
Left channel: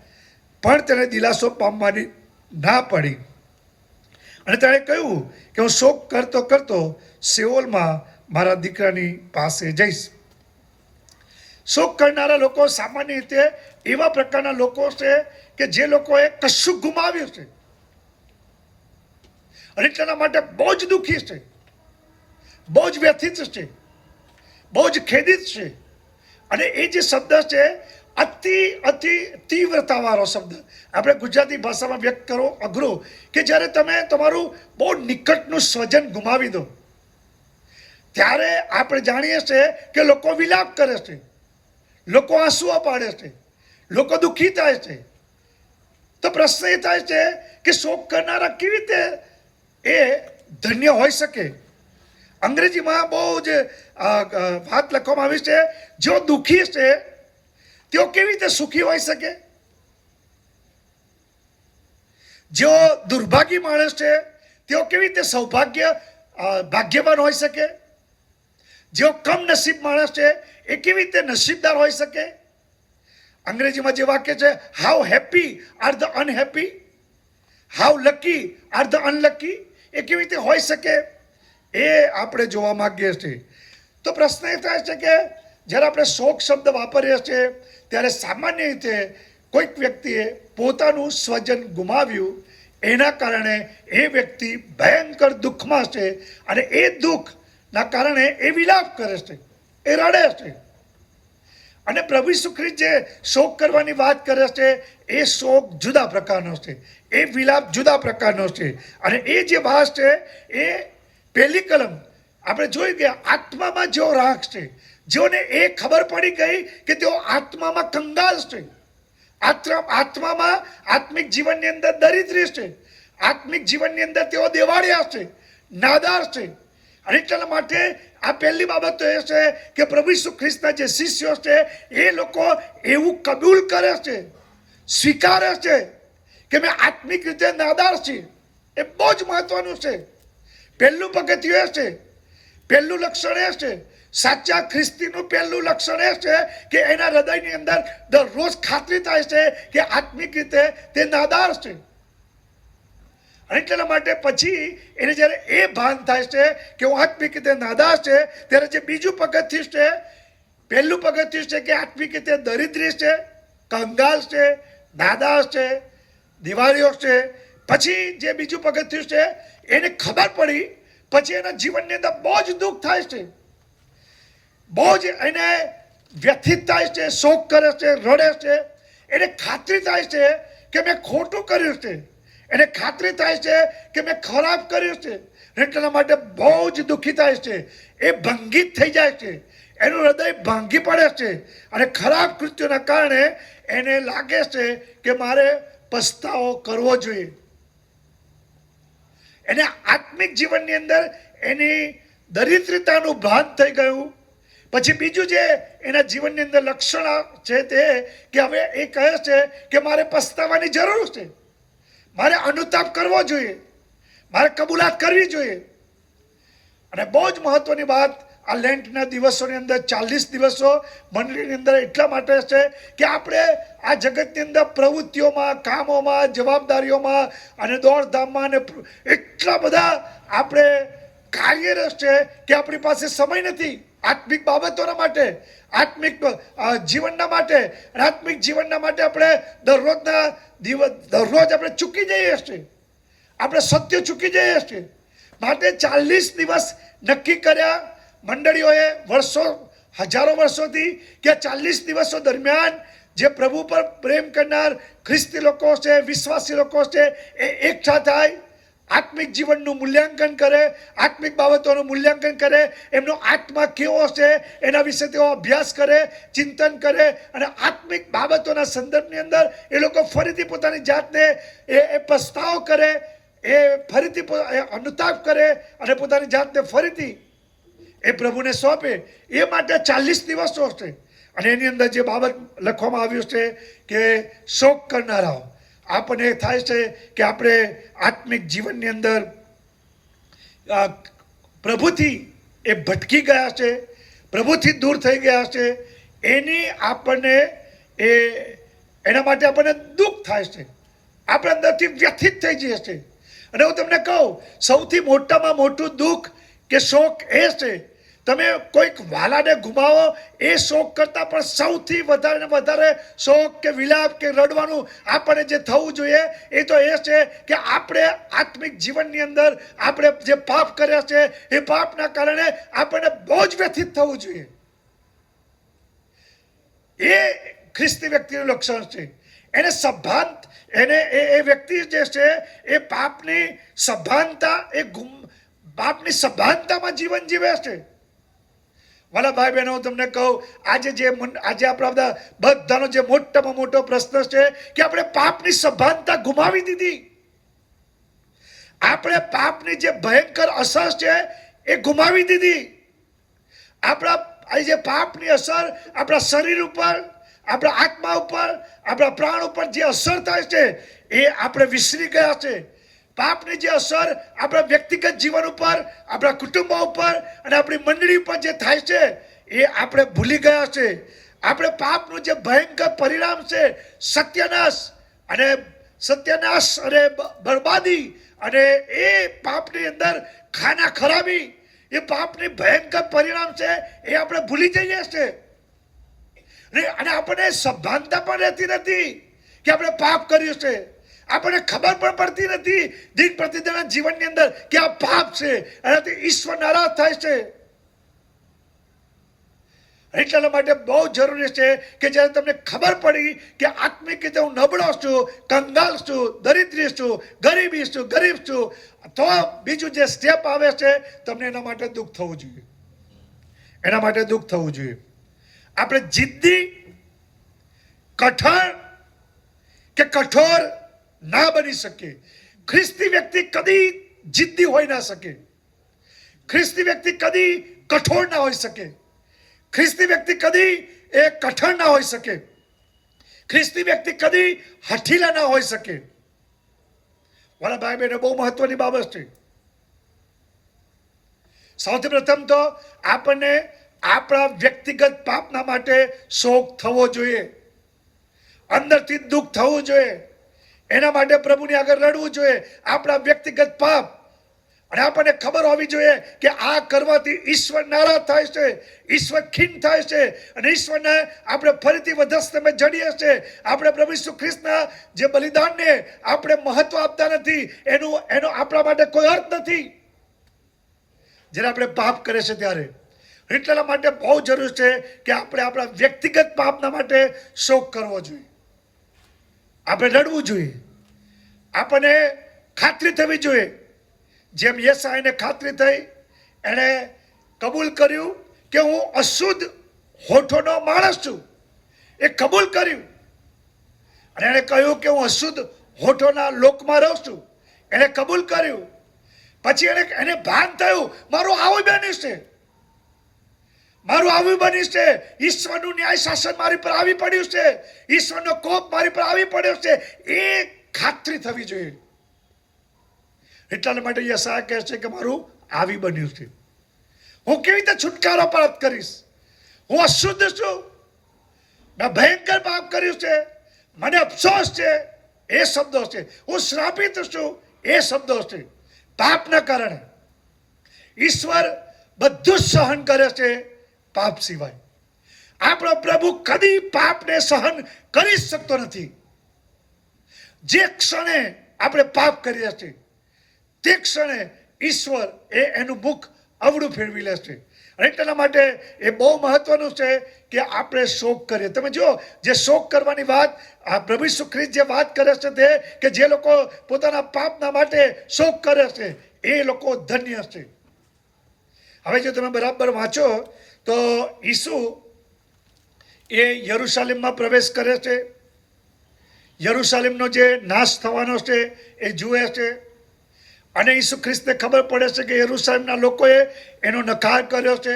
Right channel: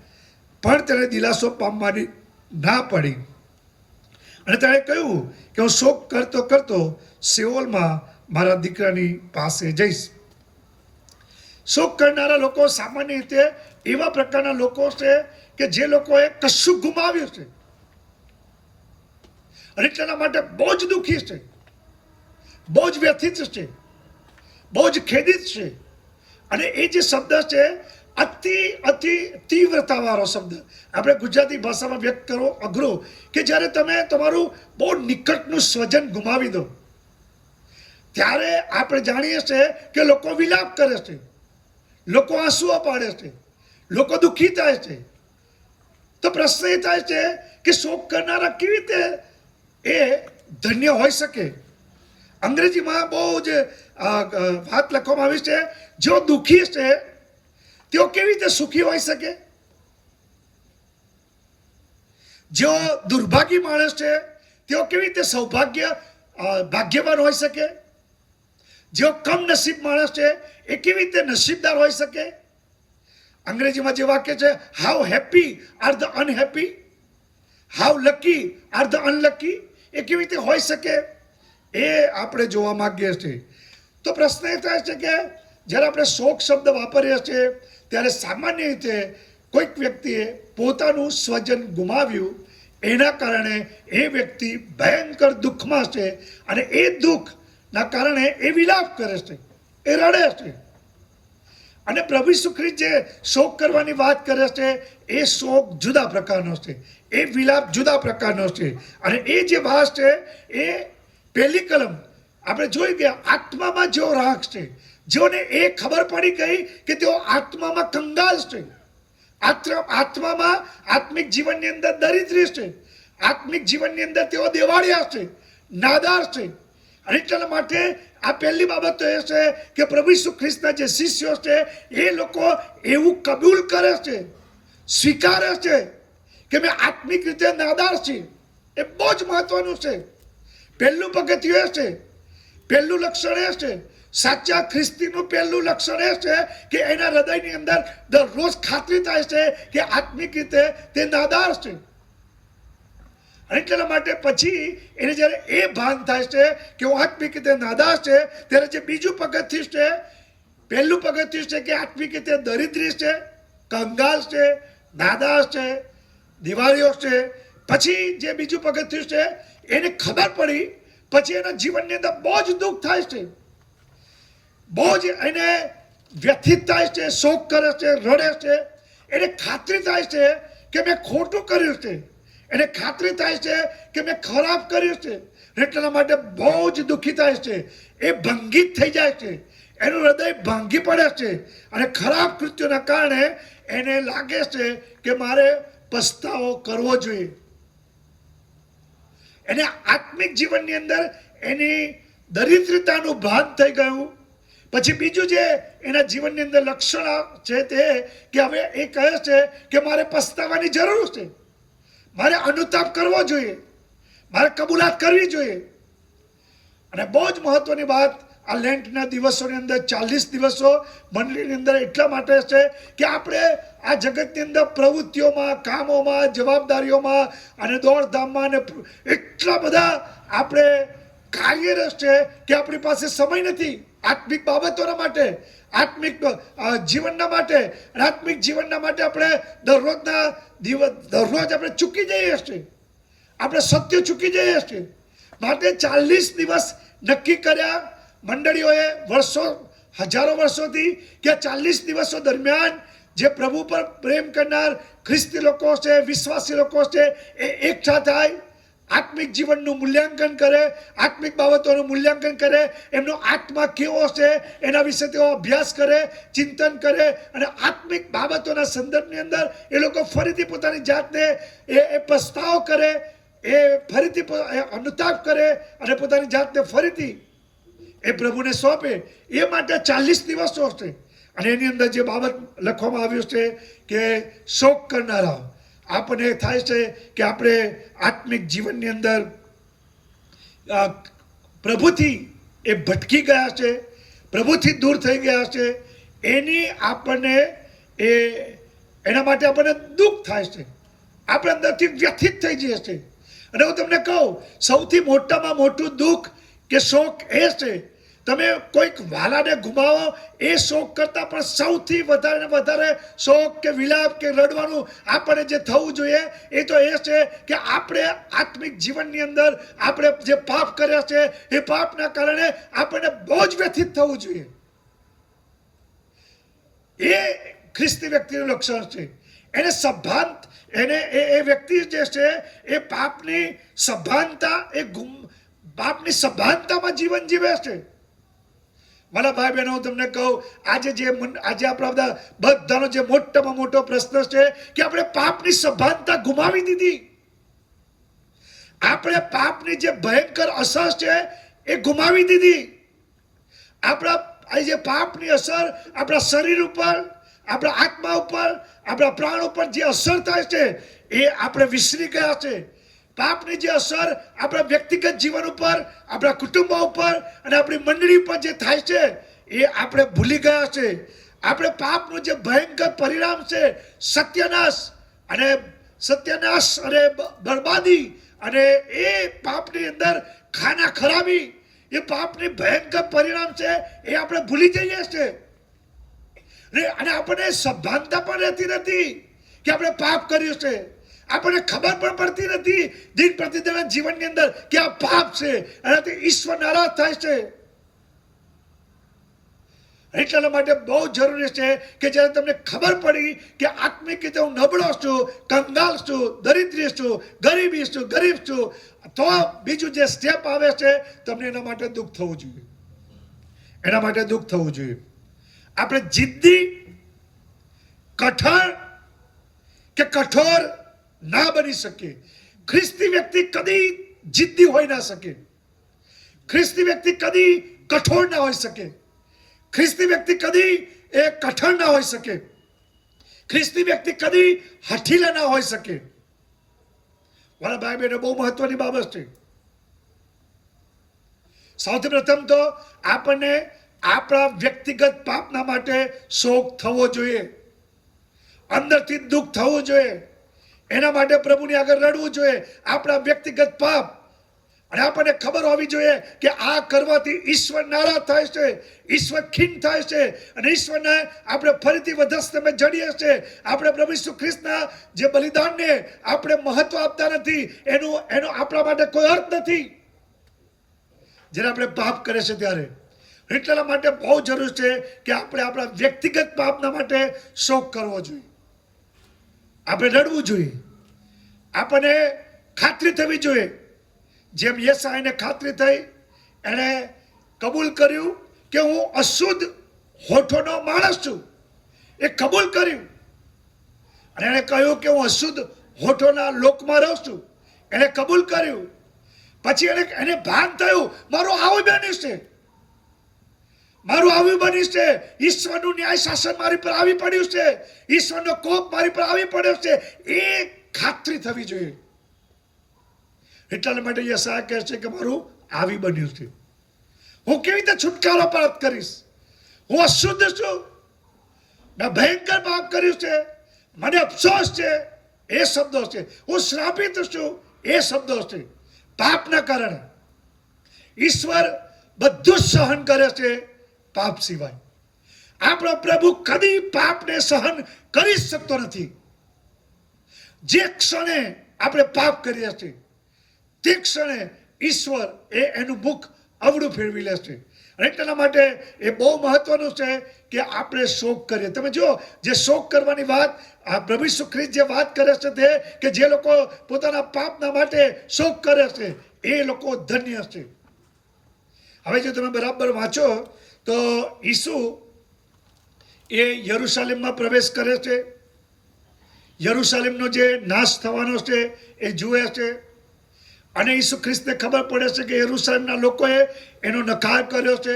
પણ તેને દિલાસો પામવાની ના પડી. અને તેણે કહ્યું કે હું શોક કરતો કરતો સેઓલમાં મારા દીકરાની પાસે જઈશ. શોક કરનારા લોકો સામાન્ય રીતે એવા પ્રકારના લોકો છે કે જે લોકોએ કશું ગુમાવ્યું છે અને એટલા માટે બહુ જ દુઃખી છે, બહુ જ વ્યથિત છે, બહુ જ ખેદિત છે. અને એ જે શબ્દ છે અતિ તીવ્રતાવાળો શબ્દ, આપણે ગુજરાતી ભાષામાં વ્યક્ત કરો અઘરો, કે જ્યારે તમે તમારું બહુ નિકટનું સ્વજન ગુમાવી દો ત્યારે આપણે જાણીએ છીએ કે લોકો વિલાપ કરે છે, લોકો આંસુઓ પાડે છે, લોકો દુઃખી થાય છે. તો પ્રશ્ન એ થાય છે કે શોક કરનારા કેવી રીતે એ ધન્ય હોઈ શકે. અંગ્રેજીમાં બહુ જ વાત લખવામાં આવી છે, જેઓ દુઃખી છે તેઓ કેવી રીતે સુખી હોઈ શકે, જેઓ દુર્ભાગી માણસ છે તેઓ કેવી રીતે ભાગ્યવાન હોઈ શકે, જેઓ કમ નસીબ માણસ છે એ કેવી રીતે નસીબદાર હોઈ શકે. અંગ્રેજીમાં જે વાક્ય છે, how happy are the unhappy, how lucky are the unlucky, એ કેવી રીતે હોઈ શકે એ આપણે જોવા માંગીએ છીએ. તો પ્રશ્ન એ થાય છે કે જ્યારે આપણે શોક શબ્દ વાપરીએ છીએ ત્યારે સામાન્ય રીતે કોઈક વ્યક્તિએ પોતાનું સ્વજન ગુમાવ્યું, એના કારણે એ વ્યક્તિ ભયંકર દુઃખમાં છે અને એ દુઃખના કારણે એ વિલાપ કરે છે, એ રડે છે. અને પ્રભુ ઈસુ ખ્રિસ્ત જે શોક કરવાની વાત કરે છે એ શોક જુદા પ્રકારનો છે, એ વિલાપ જુદા પ્રકારનો છે. અને એ જે ભાસ છે એ પહેલી કલમ આપણે જોઈ ગયા, આત્મામાં જેઓ રાખ છે, જેઓને એ ખબર પડી ગઈ કે તેઓ આત્મામાં કંગાલ છે, આત્મામાં આત્મિક જીવનની અંદર દરિદ્રી છે, આત્મિક જીવનની અંદર તેઓ દેવાળિયા છે, નાદાર છે. અને એટલા માટે આ પહેલી બાબત તો એ છે કે પ્રભુ ઈસુ ખ્રિસ્તના જે શિષ્યો છે એ લોકો એવું કબૂલ કરે છે, સ્વીકારે છે કે મેં આત્મિક રીતે નાદાર છીએ. એ બહુ જ મહત્વનું છે. પહેલું પગથિયું એ છે, પહેલું લક્ષણ એ છે, સાચા ખ્રિસ્તીનું પહેલું લક્ષણ એ છે કે એના હૃદયની અંદર દરરોજ ખાતરી થાય છે કે આત્મિક રીતે તે નાદાર છે. અને એટલા માટે પછી એને જ્યારે એ ભાન થાય છે કે હું આત્મિક રીતે નાદાર છે, ત્યારે જે બીજું પગથિયું છે, પહેલું પગથિયું છે કે આત્મિક રીતે દરિદ્રી છે, કંગાલ છે, નાદાર છે, દિવાળીઓ છે. પછી જે બીજું પગથિયું છે એને ખબર પડી, પછી એના જીવનની અંદર બહુ જ દુઃખ થાય છે, બહુ જ એને વ્યથિત થાય છે, શોક કરે છે, રડે છે. એને ખાતરી થાય છે કે મેં ખોટું કર્યું છે, એને ખાતરી થાય છે કે મેં ખરાબ કર્યું છે, એટલા માટે બહુ જ દુઃખી થાય છે, એ ભંગિત થઈ જાય છે, એનું હૃદય ભાંગી પડે છે અને ખરાબ કૃત્યોના કારણે એને લાગે છે કે મારે પસ્તાવો કરવો જોઈએ. એને આત્મિક જીવનની અંદર એની દરિદ્રતાનું ભાન થઈ ગયું. પછી બીજું જે એના જીવનની અંદર લક્ષણ છે તે કે હવે એ કહે છે કે મારે પસ્તાવાની જરૂર છે, મારે અનુતાપ કરવો જોઈએ, મારે કબૂલાત કરવી જોઈએ. અને બહુ જ મહત્વની વાત, આ લેન્ટના દિવસોની અંદર 40 દિવસો મંડળીની અંદર એટલા માટે છે કે આપણે આ જગતની અંદર પ્રવૃત્તિઓમાં, કામોમાં, જવાબદારીઓમાં અને દોડધામમાં અને એટલા બધા આપણે કાર્યરત છે કે આપણી પાસે સમય નથી આત્મિક બાબતોના માટે, આત્મિક જીવનના માટે. અને આત્મિક જીવનના માટે આપણે દરરોજ આપણે ચૂકી જઈએ છીએ, આપણે સત્ય ચૂકી જઈએ છીએ. માટે 40 દિવસ નક્કી કર્યા મંડળીઓએ હજારો વર્ષોથી કે 40 દિવસો દરમિયાન જે પ્રભુ પર પ્રેમ કરનાર ખ્રિસ્તી લોકો છે, વિશ્વાસી લોકો છે, એ એકઠા થાય, આત્મિક જીવનનું મૂલ્યાંકન કરે, આત્મિક બાબતોનું મૂલ્યાંકન કરે, એમનો આત્મા કેવો છે એના વિશે તેઓ અભ્યાસ કરે, ચિંતન કરે અને આત્મિક બાબતોના સંદર્ભની અંદર એ લોકો ફરીથી પોતાની જાતને એ પસ્તાવો કરે, એ ફરીથી અનુતાપ કરે અને પોતાની જાતને ફરીથી એ પ્રભુને સોંપે. એ માટે 40 દિવસો છે. અને એની અંદર જે બાબત લખવામાં આવ્યું છે કે શોક કરનારાઓ, આપણને થાય છે કે આપણે આત્મિક જીવનની અંદર પ્રભુથી એ ભટકી ગયા છે, પ્રભુથી દૂર થઈ ગયા છે, એની આપણને એના માટે આપણને દુઃખ થાય છે, આપણે અંદરથી વ્યથિત થઈ જઈએ છીએ. અને હું તમને કહું, સૌથી મોટામાં મોટું દુઃખ કે શોક એ છે, તમે કોઈક વાલાને ગુમાવો એ શોક કરતાં પણ સૌથી વધારે શોક કે વિલાપ કે રડવાનું આપણને જે થવું જોઈએ એ તો એ છે કે આપણે આત્મિક જીવનની અંદર આપણે જે પાપ કર્યા છે એ પાપના કારણે આપણને બહુ જ વ્યથિત થવું જોઈએ. એ ખ્રિસ્તી વ્યક્તિનું લક્ષણ છે. એને સભાનતા, એને એ વ્યક્તિ જે છે એ પાપની સભાનતામાં જીવન જીવે છે. વાલા ભાઈ બહેનો, હું તમને કહું, આજે આપણા બધાનો જે મોટામાં મોટો પ્રશ્ન છે કે આપણે પાપની સભાનતા ગુમાવી દીધી. આપણે પાપની જે ભયંકર અસર છે એ ગુમાવી દીધી. આપણા જે પાપની અસર આપણા શરીર ઉપર, આપણા આત્મા ઉપર, આપણા પ્રાણ ઉપર જે અસર થાય છે એ આપણે વિસરી ગયા છે. પાપની જે અસર આપણા વ્યક્તિગત જીવન ઉપર, આપણા કુટુંબો ઉપર અને આપણી મંડળી ઉપર જે થાય છે એ આપણે ભૂલી ગયા છે. આપણે પાપનું જે ભયંકર પરિણામ છે, સત્યનાશ અને બરબાદી, અને એ પાપની અંદર ખાના ખરાબી, એ પાપની ભયંકર પરિણામ છે એ આપણે ભૂલી જઈએ છીએ. અને આપણને સભાનતા પણ રહેતી નથી કે આપણે પાપ કર્યું છે. આપણને ખબર પણ પડતી નથી દિન પ્રતિદિનના જીવનની અંદર કે આ પાપ છે, એનાથી ઈશ્વર નારાજ થાય છે. એટલા માટે બહુ જરૂરી છે કે જ્યારે તમને ખબર પડી કે આત્મિક રીતે હું નબળો છું, કંગાલ છું, દરિદ્રી છું, ગરીબ છું, તો બીજું જે સ્ટેપ આવે છે તમને એના માટે દુઃખ થવું જોઈએ. એના માટે દુઃખ થવું જોઈએ. આપણે જિદ્દી, કઠોર ના બની શકે. ખ્રિસ્તી વ્યક્તિ કદી જિદ્દી હોઈ ના શકે. ખ્રિસ્તી વ્યક્તિ કદી કઠોર ના હોઈ શકે. ખ્રિસ્તી વ્યક્તિ કદી એ કઠણ ના હોઈ શકે. ખ્રિસ્તી વ્યક્તિ કદી હઠીલા ના હોઈ શકે. મારા ભાઈ બહેનો, બહુ મહત્વની બાબત છે. સૌથી પ્રથમ તો આપણને આપણા વ્યક્તિગત પાપના માટે શોક થવો જોઈએ, અંદરથી દુઃખ થવું જોઈએ. એના માટે પ્રભુની આગળ રડવું જોઈએ, આપણા વ્યક્તિગત પાપ. અને આપણને ખબર હોવી જોઈએ કે આ કરવાથી ઈશ્વર નારાજ થાય છે, ઈશ્વર ખીન થાય છે અને ઈશ્વરને આપણે ફરીથી વધસ્તંભે જડીએ છીએ. આપણે પ્રભુ ઈસુ ખ્રિસ્તના જે બલિદાનને આપણે મહત્વ આપતા નથી, એનો આપણા માટે કોઈ અર્થ નથી જ્યારે આપણે પાપ કરે છે ત્યારે. એટલા માટે બહુ જરૂર છે કે આપણે આપણા વ્યક્તિગત પાપના માટે શોક કરવો જોઈએ. આપણે રડવું જોઈએ, આપણને ખાતરી થવી જોઈએ. જેમ યશાયાને ખાતરી થઈ, એણે કબૂલ કર્યું કે હું અશુદ્ધ હોઠોનો માણસ છું, એ કબૂલ કર્યું. અને એણે કહ્યું કે હું અશુદ્ધ હોઠોના લોકમાં રહું છું, એણે કબૂલ કર્યું. પછી એને ભાન થયું, મારું આવું બન્યું છે, મારું આવી બન્યું છે, ઈશ્વરનું ન્યાય શાસન મારી પર આવી પડ્યું છે, ઈશ્વરનો કોપ મારી પર આવી પડ્યો છે. એ ખાતરી થવી જોઈએ. એટલા માટે યશાયા કહે છે કે મારું આવી બન્યું છે, હું કેવી રીતે છુટકારો પ્રાપ્ત કરીશ? હું અશુદ્ધ છું, મેં ભયંકર પાપ કર્યું છે, મને અફસોસ છે, એ શબ્દો છે. હું શ્રાપિત છું, એ શબ્દો છે. પાપના કારણે ઈશ્વર બધું સહન કરે છે, પાપ સિવાય. આપણો પ્રભુ કદી પાપને સહન કરી શકતો નથી. જે ક્ષણે આપણે પાપ કરીએ છીએ તે ક્ષણે ઈશ્વર એનું મુખ અવળું ફેરવી લે છે. અને એટલા માટે એ બહુ મહત્વનું છે કે આપણે શોક કરીએ. તમે જો, જે શોક કરવાની વાત આ પ્રભુ ઈસુ ખ્રિસ્ત જે વાત કરે છે તે કે જે લોકો પોતાના પાપના માટે શોક કરે છે એ લોકો ધન્ય છે. હવે જો તમે બરાબર વાંચો તો ઈસુ એ યરુશાલેમમાં પ્રવેશ કરે છે. યરુશાલેમનો જે નાશ થવાનો છે એ જુએ છે. અને ઈસુ ખ્રિસ્તને ખબર પડે છે કે યરુશાલેમના લોકોએ એનો નકાર કર્યો છે.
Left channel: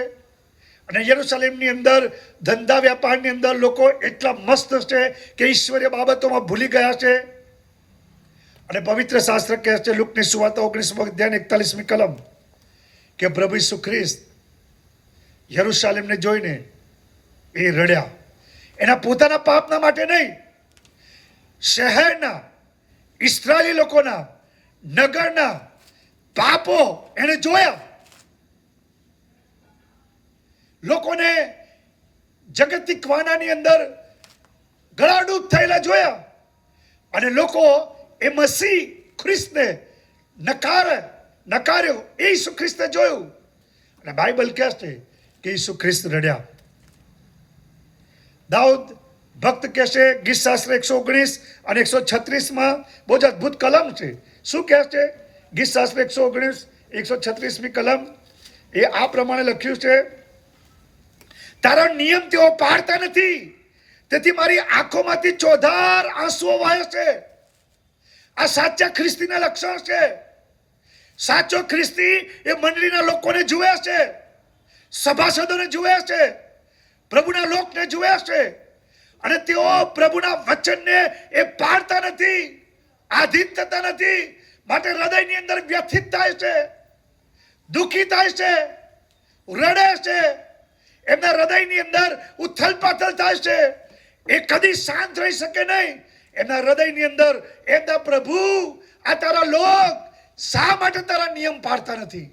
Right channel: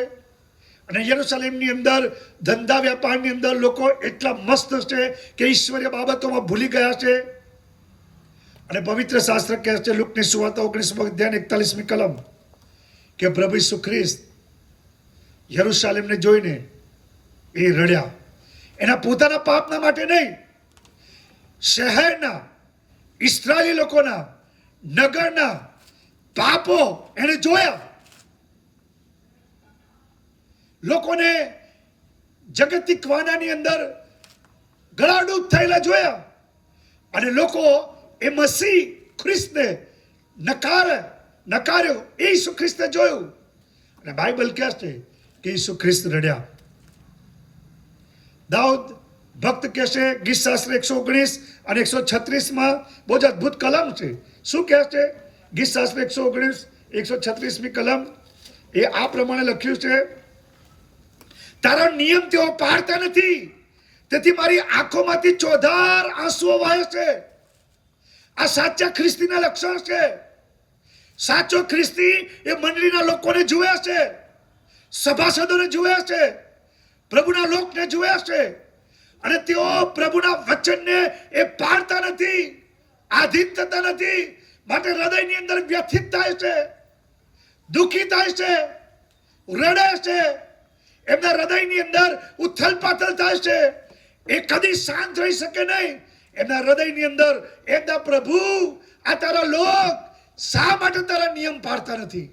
અને યરુશાલેમની અંદર ધંધા વ્યાપારની અંદર લોકો એટલા મસ્ત છે કે ઈશ્વરીય બાબતોમાં ભૂલી ગયા છે. અને પવિત્ર શાસ્ત્ર કહે છે, લુકની સુવાર્તા 19 અધ્યાય 41મી કલમ, કે પ્રભુ ઈસુ ખ્રિસ્ત યરુશાલેમને જોઈને એ રડ્યા. એના પોતાના પાપના માટે નહીં, શહેરના ઇસ્રાયેલી લોકોના, નગરના પાપો એને જોયા. લોકોને જગતિક વાનાની અંદર ગળાડૂબ થયેલા જોયા. અને લોકો એ મસીહ ખ્રિસ્તને નકાર્યો. એ ઈસુ ખ્રિસ્તે જોયું. અને બાઇબલ કહે છે કે ઈસુ ખ્રિસ્ત રડ્યા. દાઉદ ભક્ત કહે છે, ગીત શાસ્ત્ર 119 અને 136માં બહુ જ અદભુત કલમ છે. શું કહે છે? ગીત શાસ્ત્ર 119 136મી કલમ એ આ પ્રમાણે લખ્યું છે, તારો નિયમ તેઓ પાળતા નથી, તેથી મારી આંખોમાંથી ચોધાર આંસુઓ વહે છે. આ સાચા ખ્રિસ્તીના લક્ષણ છે. સાચો ખ્રિસ્તી એ મંડળીના લોકોને જુએ છે, સભાસદોને જુએ છે, પ્રભુના લોકને જુએ છે. અને તેઓ પ્રભુના વચનને એ પાળતા નથી, આધીન થતા નથી. માટે હૃદયની અંદર વ્યથિત થાય છે, દુઃખી થાય છે, રડે છે. એમના હૃદયની અંદર ઉથલ પાથલ થાય છે. એ કદી શાંત રહી શકે નહીં. એમના હૃદયની અંદર એમના પ્રભુ, આ તારા લોક શા માટે તારા નિયમ પાળતા નથી?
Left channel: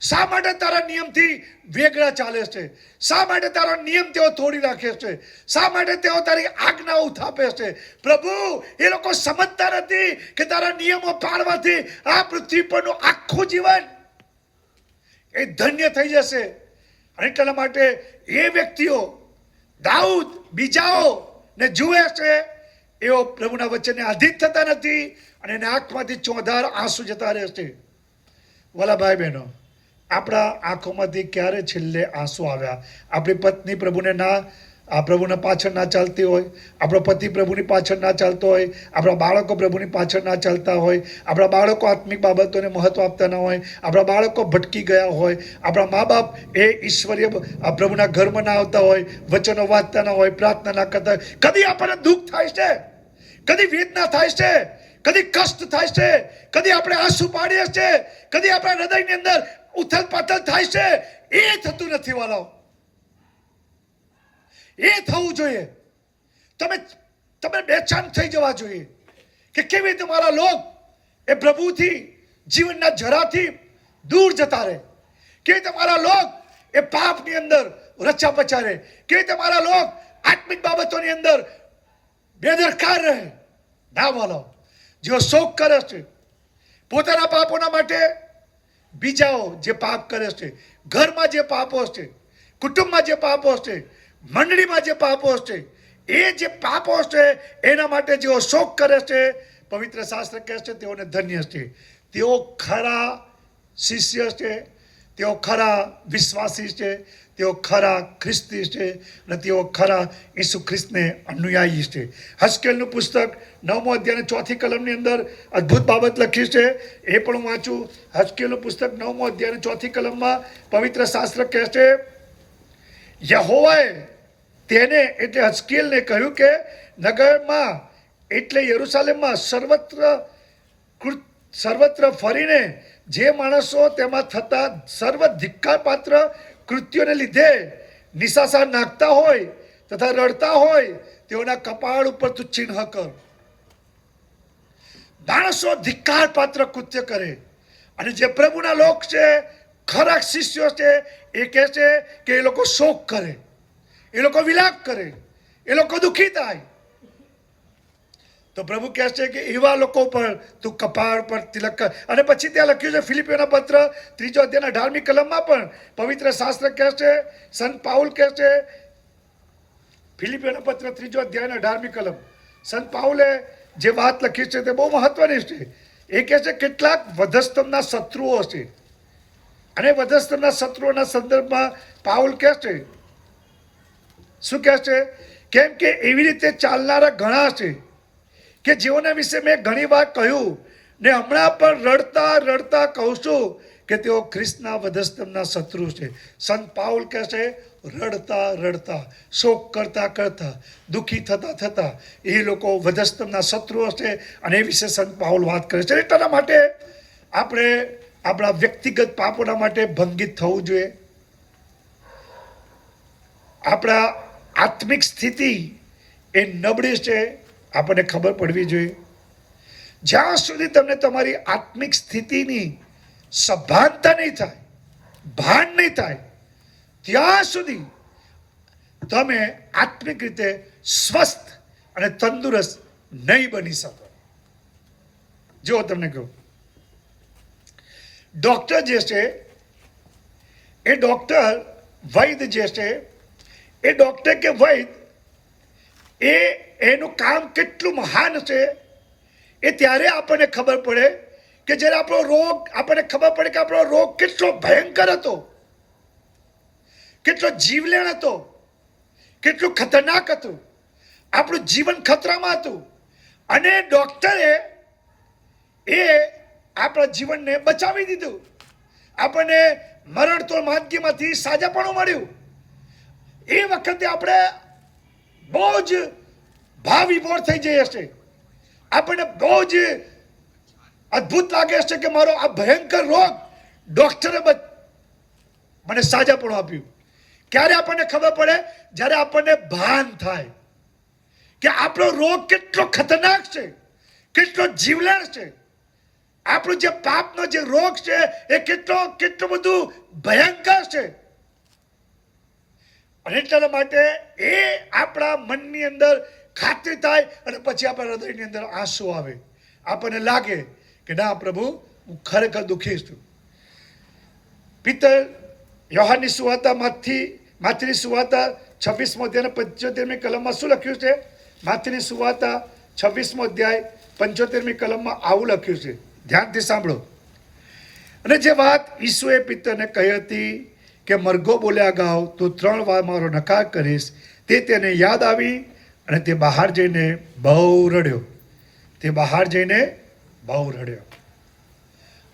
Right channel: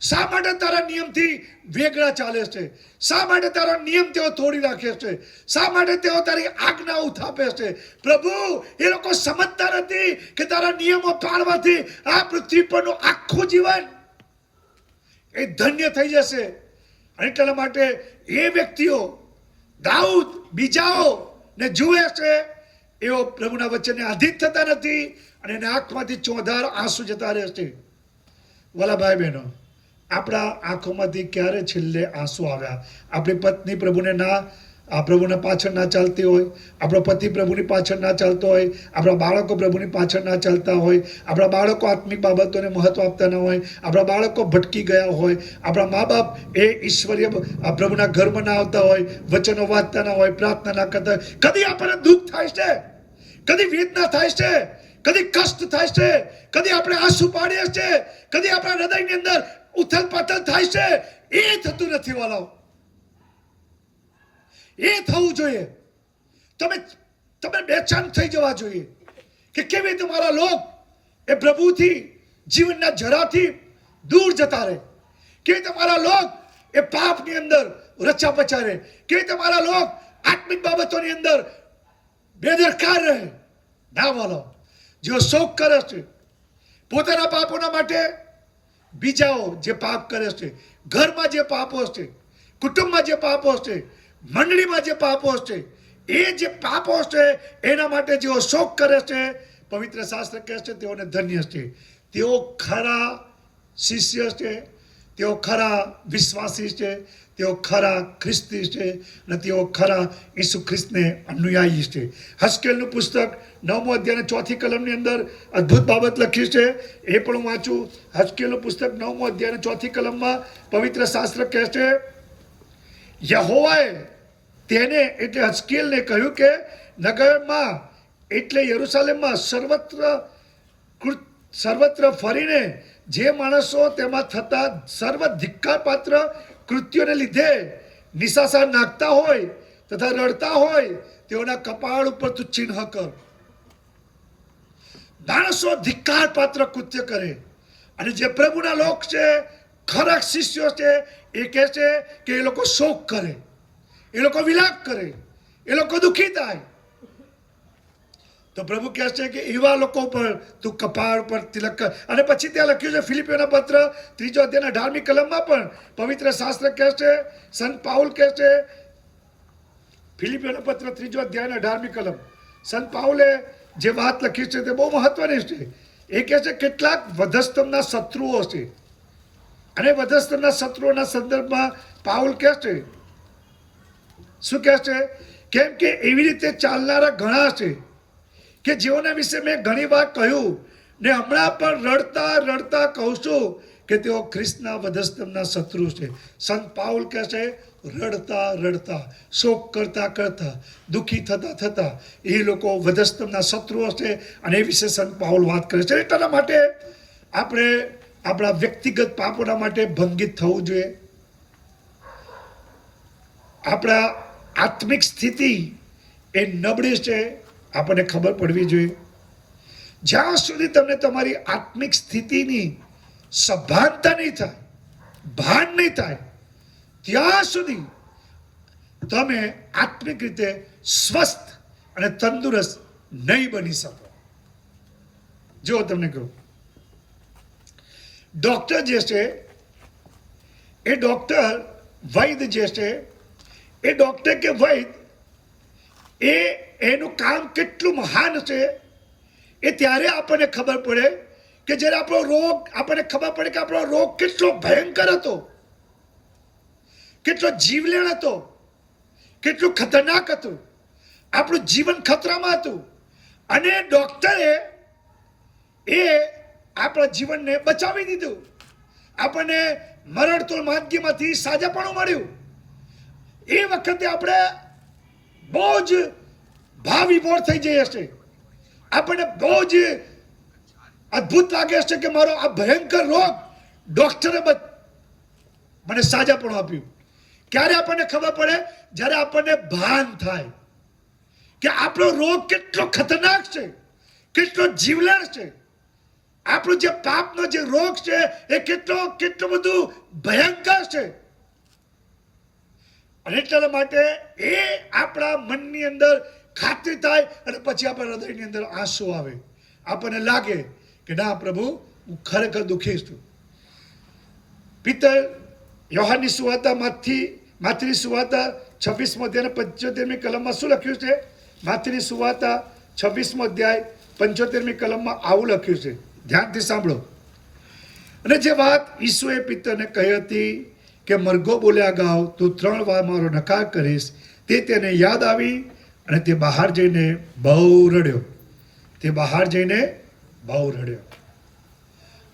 શા માટે તારા નિયમથી વેગળા ચાલે છે? શા માટે તારો નિયમ તેઓ તોડી નાખે છે? શા માટે તેઓ તારી આજ્ઞા ઉથાપે છે? પ્રભુ, એ લોકો સમજતા નથી કે તારા નિયમો પાળવાથી આ પૃથ્વી પરનું આખું જીવન એ ધન્ય થઈ જશે. અને એટલા માટે એ વ્યક્તિઓ દાઉદ બીજાઓ ને જુએ છે, એઓ પ્રભુના વચનને આધીન થતા નથી અને એના આંખમાંથી ચોધાર આંસુ જતા રહે છે. વાલા ભાઈ બહેનો, આપણા આંખોમાંથી ક્યારે છેલ્લે આંસુ આવ્યા? આપણી પત્ની પ્રભુના પાછળ ના ચાલતી હોય, આપણો પતિ પ્રભુની પાછળ ના ચાલતો હોય, આપણા બાળકો પ્રભુની પાછળ ના ચાલતા હોય, આપણા બાળકો આત્મિક બાબતોને મહત્વ આપતા ન હોય, આપણા બાળકો ભટકી ગયા હોય, આપણા મા બાપ એ ઈશ્વરીય પ્રભુના ઘરમાં ના આવતા હોય, વચનો વાંચતા ના હોય, પ્રાર્થના ના કરતા હોય, કદી આપણને દુઃખ થાય છે, કદી વેદના થાય છે, કદી કષ્ટ થાય છે, કદી આપણે આંસુ પાડીએ છીએ, કદી આપણા હૃદયની અંદર ઉથલ પાથલ થાય છે. એ થતું નથી વાલાઓ. એ થવું જોઈએ. તમે બેચેન થઈ જવા જોઈએ કે કેવી રીતે મારા લોક એ પ્રભુથી, જીવનના જરાથી દૂર જતા રહે, કેવી રીતે મારા લોક એ પાપની અંદર રચા પચા રહે, કેવી રીતે મારા લોક આત્મિક બાબતોની અંદર બેદરકાર રહે. ના વાલાઓ, જેઓ શોક કરે છે પોતાના પાપોના માટે, બીજાઓ જે પાપ કરે છે, ઘરમાં જે પાપો છે, કુટુંબમાં જે પાપો છે, મંડળીમાં જે પાપો છે, એ જે પાપો છે એના માટે જેઓ શોક કરે છે, પવિત્ર શાસ્ત્ર કહે છે તેઓને ધન્ય છે. તેઓ ખરા શિષ્ય છે, તેઓ ખરા વિશ્વાસી છે, તેઓ ખરા ખ્રિસ્તી છે અને તેઓ ખરા ઈસુ ખ્રિસ્તને અનુયાયી છે. હસ્કેલનું પુસ્તક 9મો અધ્યાય 4થી કલમની અંદર અદ્ભુત બાબત લખી છે, એ પણ હું વાંચું. હસ્કેલનું પુસ્તક 9મો અધ્યાય 4થી કલમમાં પવિત્ર શાસ્ત્ર કહે છે, યહોવાએ તેને એટલે હસ્કેલને કહ્યું કે નગરમાં એટલે યરૂશાલેમમાં સર્વત્ર ફરીને જે માણસો તેમાં થતા સર્વ ધિક્કારપાત્ર કૃત્યોને લીધે નિશાસા નાખતા હોય તથા રડતા હોય તેઓના કપાળ ઉપર તું ચિહ્ન કર. માણસો ધિક્કારપાત્ર કૃત્ય કરે અને જે પ્રભુના લોક છે, ખરા શિષ્યો છે, એ કહે છે કે એ લોકો શોક કરે, એ લોકો વિલાપ કરે, એ લોકો દુઃખી થાય. તો પ્રભુ કહે છે કે એવા લોકો પર તું કપાળ પર તિલક કર. અને પછી ત્યાં લખ્યું છે ફિલિપીઓના પત્ર 3 અધ્યાયના 18મી કલમમાં પણ પવિત્ર શાસ્ત્ર કહે છે, સંત પાઉલ કહે છે, ફિલિપીઓના પત્ર 3 અધ્યાયના 18મી કલમ, સંત પાઉલે જે વાત લખી છે તે બહુ મહત્વની છે. એ કહે છે કેટલાક વધસ્તંભના શત્રુઓ છે અને વધસ્તંભના શત્રુઓના સંદર્ભમાં પાઉલ કહે છે, શું કહે છે? કેમ કે એવી રીતે ચાલનારા ઘણા છે કે જેઓના વિશે મેં ઘણી વાર કહ્યું ને હમણાં પણ રડતા રડતા કહું છું કે તેઓ ખ્રિસ્તના વધસ્તંભના શત્રુ છે. સંત પાઉલ કહે છે રડતા રડતા, શોક કરતા કરતા, દુઃખી થતા થતા એ લોકો વધસ્તંભના શત્રુઓ છે અને એ વિશે સંત પાઉલ વાત કરે છે. એટલા માટે આપણે આપણા વ્યક્તિગત પાપોના માટે ભંગિત થવું જોઈએ. આપણા આત્મિક સ્થિતિ એ નબળી છે, આપણને ખબર પડવી જોઈએ. જ્યાં સુધી તમને તમારી આત્મિક સ્થિતિની સભાનતા નહીં થાય, ભાન નહીં થાય, ત્યાં સુધી તમે આત્મિક રીતે સ્વસ્થ અને તંદુરસ્ત નહીં બની શકો. જો તમને કહું, ડોક્ટર જે છે એ ડોક્ટર, વૈદ જે છે એ ડોક્ટર કે વૈદ એનું કામ કેટલું મહાન છે એ ત્યારે આપણને ખબર પડે કે જ્યારે આપણો રોગ, આપણને ખબર પડે કે આપણો રોગ કેટલો ભયંકર હતો, કેટલો જીવલેણ હતો, કેટલું ખતરનાક હતું, આપણું જીવન ખતરામાં હતું અને ડોક્ટરે એ આપણા જીવનને બચાવી દીધું, આપણને મરણતોલ માંદગીમાંથી સાજાપણું મળ્યું. એ વખતે આપણે બહુ જ ભાવિભોર થઈ જઈએ છે, આપણને બહુ જ અદ્ભુત લાગે છે કે મારો આ ભયંકર રોગ ડોક્ટરે મને સાજાપણું આપ્યું. ક્યારે આપણને ખબર પડે? જ્યારે આપણને ભાન થાય કે આપણો રોગ કેટલો ખતરનાક છે, કેટલો જીવલેણ છે, આપણો જે પાપનો જે રોગ છે એ કેટલો બધું ભયંકર છે. અને એટલા માટે એ આપણા મનની અંદર ખાતરી થાય અને પછી આપણા હૃદયની અંદર આંસુ આવે, આપણને લાગે કે ના પ્રભુ, હું ખરેખર દુઃખી છું. પિતર યોહાનની સુવાર્તા માથીની સુવાર્તા 26મો અધ્યાય 75મી કલમમાં શું લખ્યું છે? માથીની સુવાર્તા 26મો અધ્યાય 75મી કલમમાં આવું લખ્યું છે, ધ્યાનથી સાંભળો. અને જે વાત ઈસુએ પિતરને કહી હતી કે મરઘો બોલ્યા ગાવ તો 3 વાર મારો નકાર કરીશ, તે તેને યાદ આવી અને તે બહાર જઈને બહુ રડ્યો. તે બહાર જઈને બહુ રડ્યો.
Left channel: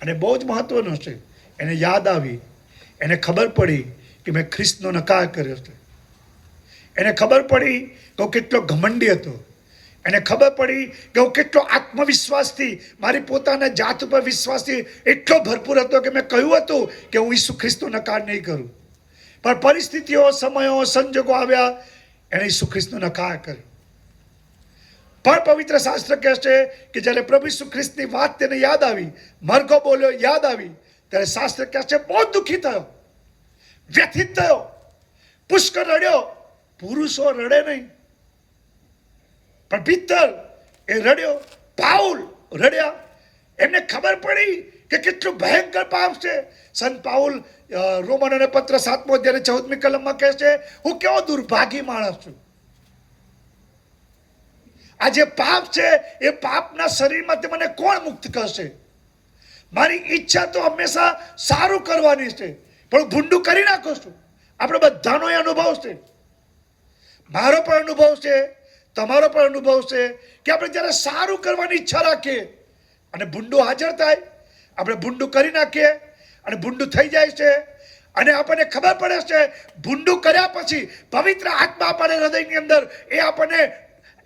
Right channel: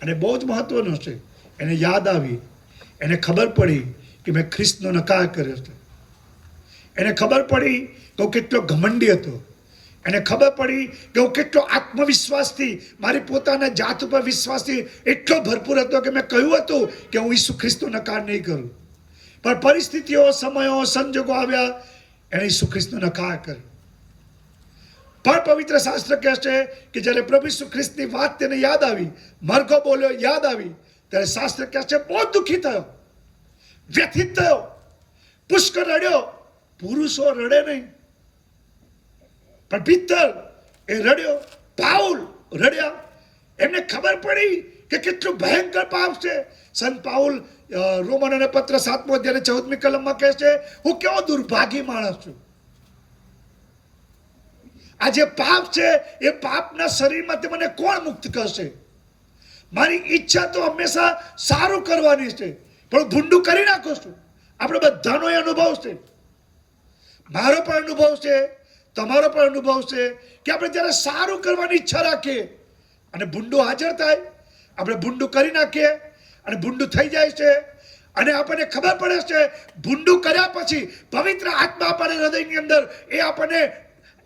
અને બહુ જ મહત્વનું છે, એને યાદ આવી, એને ખબર પડી કે મેં ખ્રિસ્તનો નકાર કર્યો છે. એને ખબર પડી કે હું કેટલો ઘમંડી હતો, એને ખબર પડી કે હું કેટલો આત્મવિશ્વાસથી, મારી પોતાના જાત ઉપર વિશ્વાસથી એટલો ભરપૂર હતો કે મેં કહ્યું હતું કે હું ઈસુ ખ્રિસ્તનો નકાર નહીં કરું. પણ પરિસ્થિતિઓ, સમયો, સંજોગો આવ્યા, એણે ઈસુ ખ્રિસ્તનો નકાર કર્યો. પણ પવિત્ર શાસ્ત્ર કહે છે કે જ્યારે પ્રભુ ઈસુ ખ્રિસ્તની વાત તેને યાદ આવી, મરઘો બોલ્યો યાદ આવી, ત્યારે શાસ્ત્ર કહે છે બહુ દુઃખી થયો, વ્યથિત થયો, પુષ્કળ રડ્યો. પુરુષો રડે નહીં, પણ પિત્તર એ રડ્યો, પાઉલ રડ્યા. એમને ખબર પડી કે કેટલું ભયંકર પાપ છે. સંત પાઉલ રોમનોને પત્ર 7મો અધ્યાય 14મી કલમમાં કહે છે, હું કેવો દુર્ભાગી માણસ છું. આ જે પાપ છે એ પાપના શરીરમાંથી મને કોણ મુક્ત કરશે? મારી ઈચ્છા તો હંમેશા સારું કરવાની છે, પણ ભૂંડું કરી નાખું છું. આપણે બધાનો એ અનુભવ છે, મારો પણ અનુભવ છે, તમારો પણ અનુભવ છે કે આપણે જ્યારે સારું કરવાની ઈચ્છા રાખીએ અને ભૂંડું હાજર થાય, આપણે ભૂંડું કરી નાખીએ અને ભૂંડું થઈ જાય છે. અને આપણને ખબર પડે છે ભૂંડું કર્યા પછી પવિત્ર આત્મા આપણને હૃદયની અંદર એ આપણને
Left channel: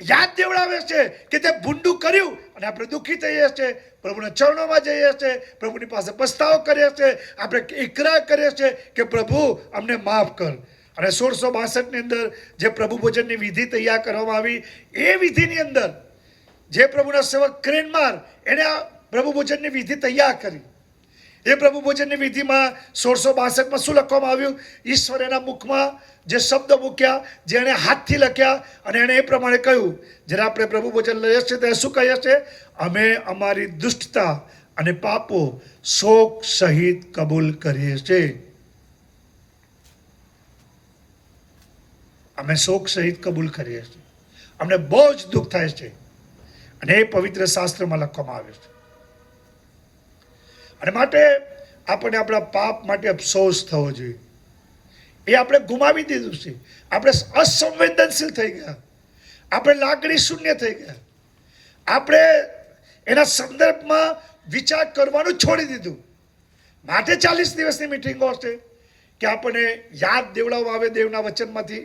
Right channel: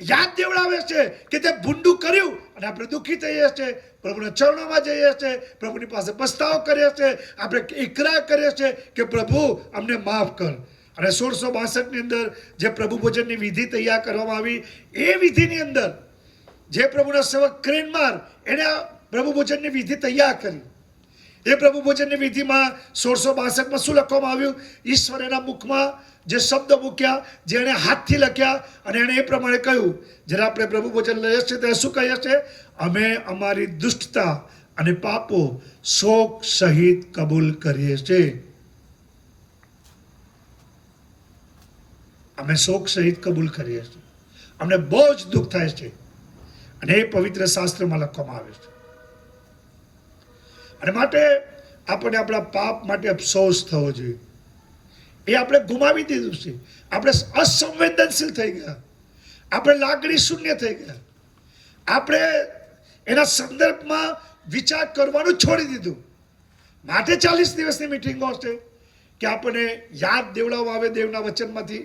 યાદ દેવડાવે છે કે તે ભૂંડું કર્યું, અને આપણે દુઃખી થઈએ છીએ, પ્રભુના ચરણોમાં જઈએ છીએ, પ્રભુની પાસે પસ્તાવો કરીએ છીએ, આપણે ઇકરાર કરીએ છીએ કે પ્રભુ અમને માફ કર. અને 1662 ની અંદર જે પ્રભુ ભોજનની વિધિ તૈયાર કરવામાં આવી, એ વિધિની અંદર જે પ્રભુના સેવક ક્રેનમાર એને આ પ્રભુ ભોજનની વિધિ તૈયાર કરી. એ પ્રભુ ભોજનની વિધિમાં 1662માં શું લખવામાં આવ્યું? ઈશ્વર એના મુખમાં જે શબ્દ મૂક્યા, જે એને હાથથી લખ્યા, અને એણે એ પ્રમાણે કહ્યું, જ્યારે આપણે પ્રભુ ભોજન લઈએ છીએ ત્યારે શું કહીએ છીએ? અમે અમારી દુષ્ટતા અને પાપો શોક સહિત કબૂલ કરીએ છીએ. અમે શોક સહિત કબૂલ કરીએ છીએ. અમને બહુ જ દુઃખ થાય છે, અને એ પવિત્ર શાસ્ત્રમાં લખવામાં આવે છે. અને માટે આપણે આપણા પાપ માટે અફસોસ થવો જોઈએ. એ આપણે ગુમાવી દીધું છે. આપણે અસંવેદનશીલ થઈ ગયા, આપણે લાગણી શૂન્ય થઈ ગયા, આપણે એના સંદર્ભમાં વિચાર કરવાનું છોડી દીધું. માટે 40 દિવસની મિટિંગો છે કે આપણને યાદ દેવડાવવામાં આવે દેવના વચનમાંથી.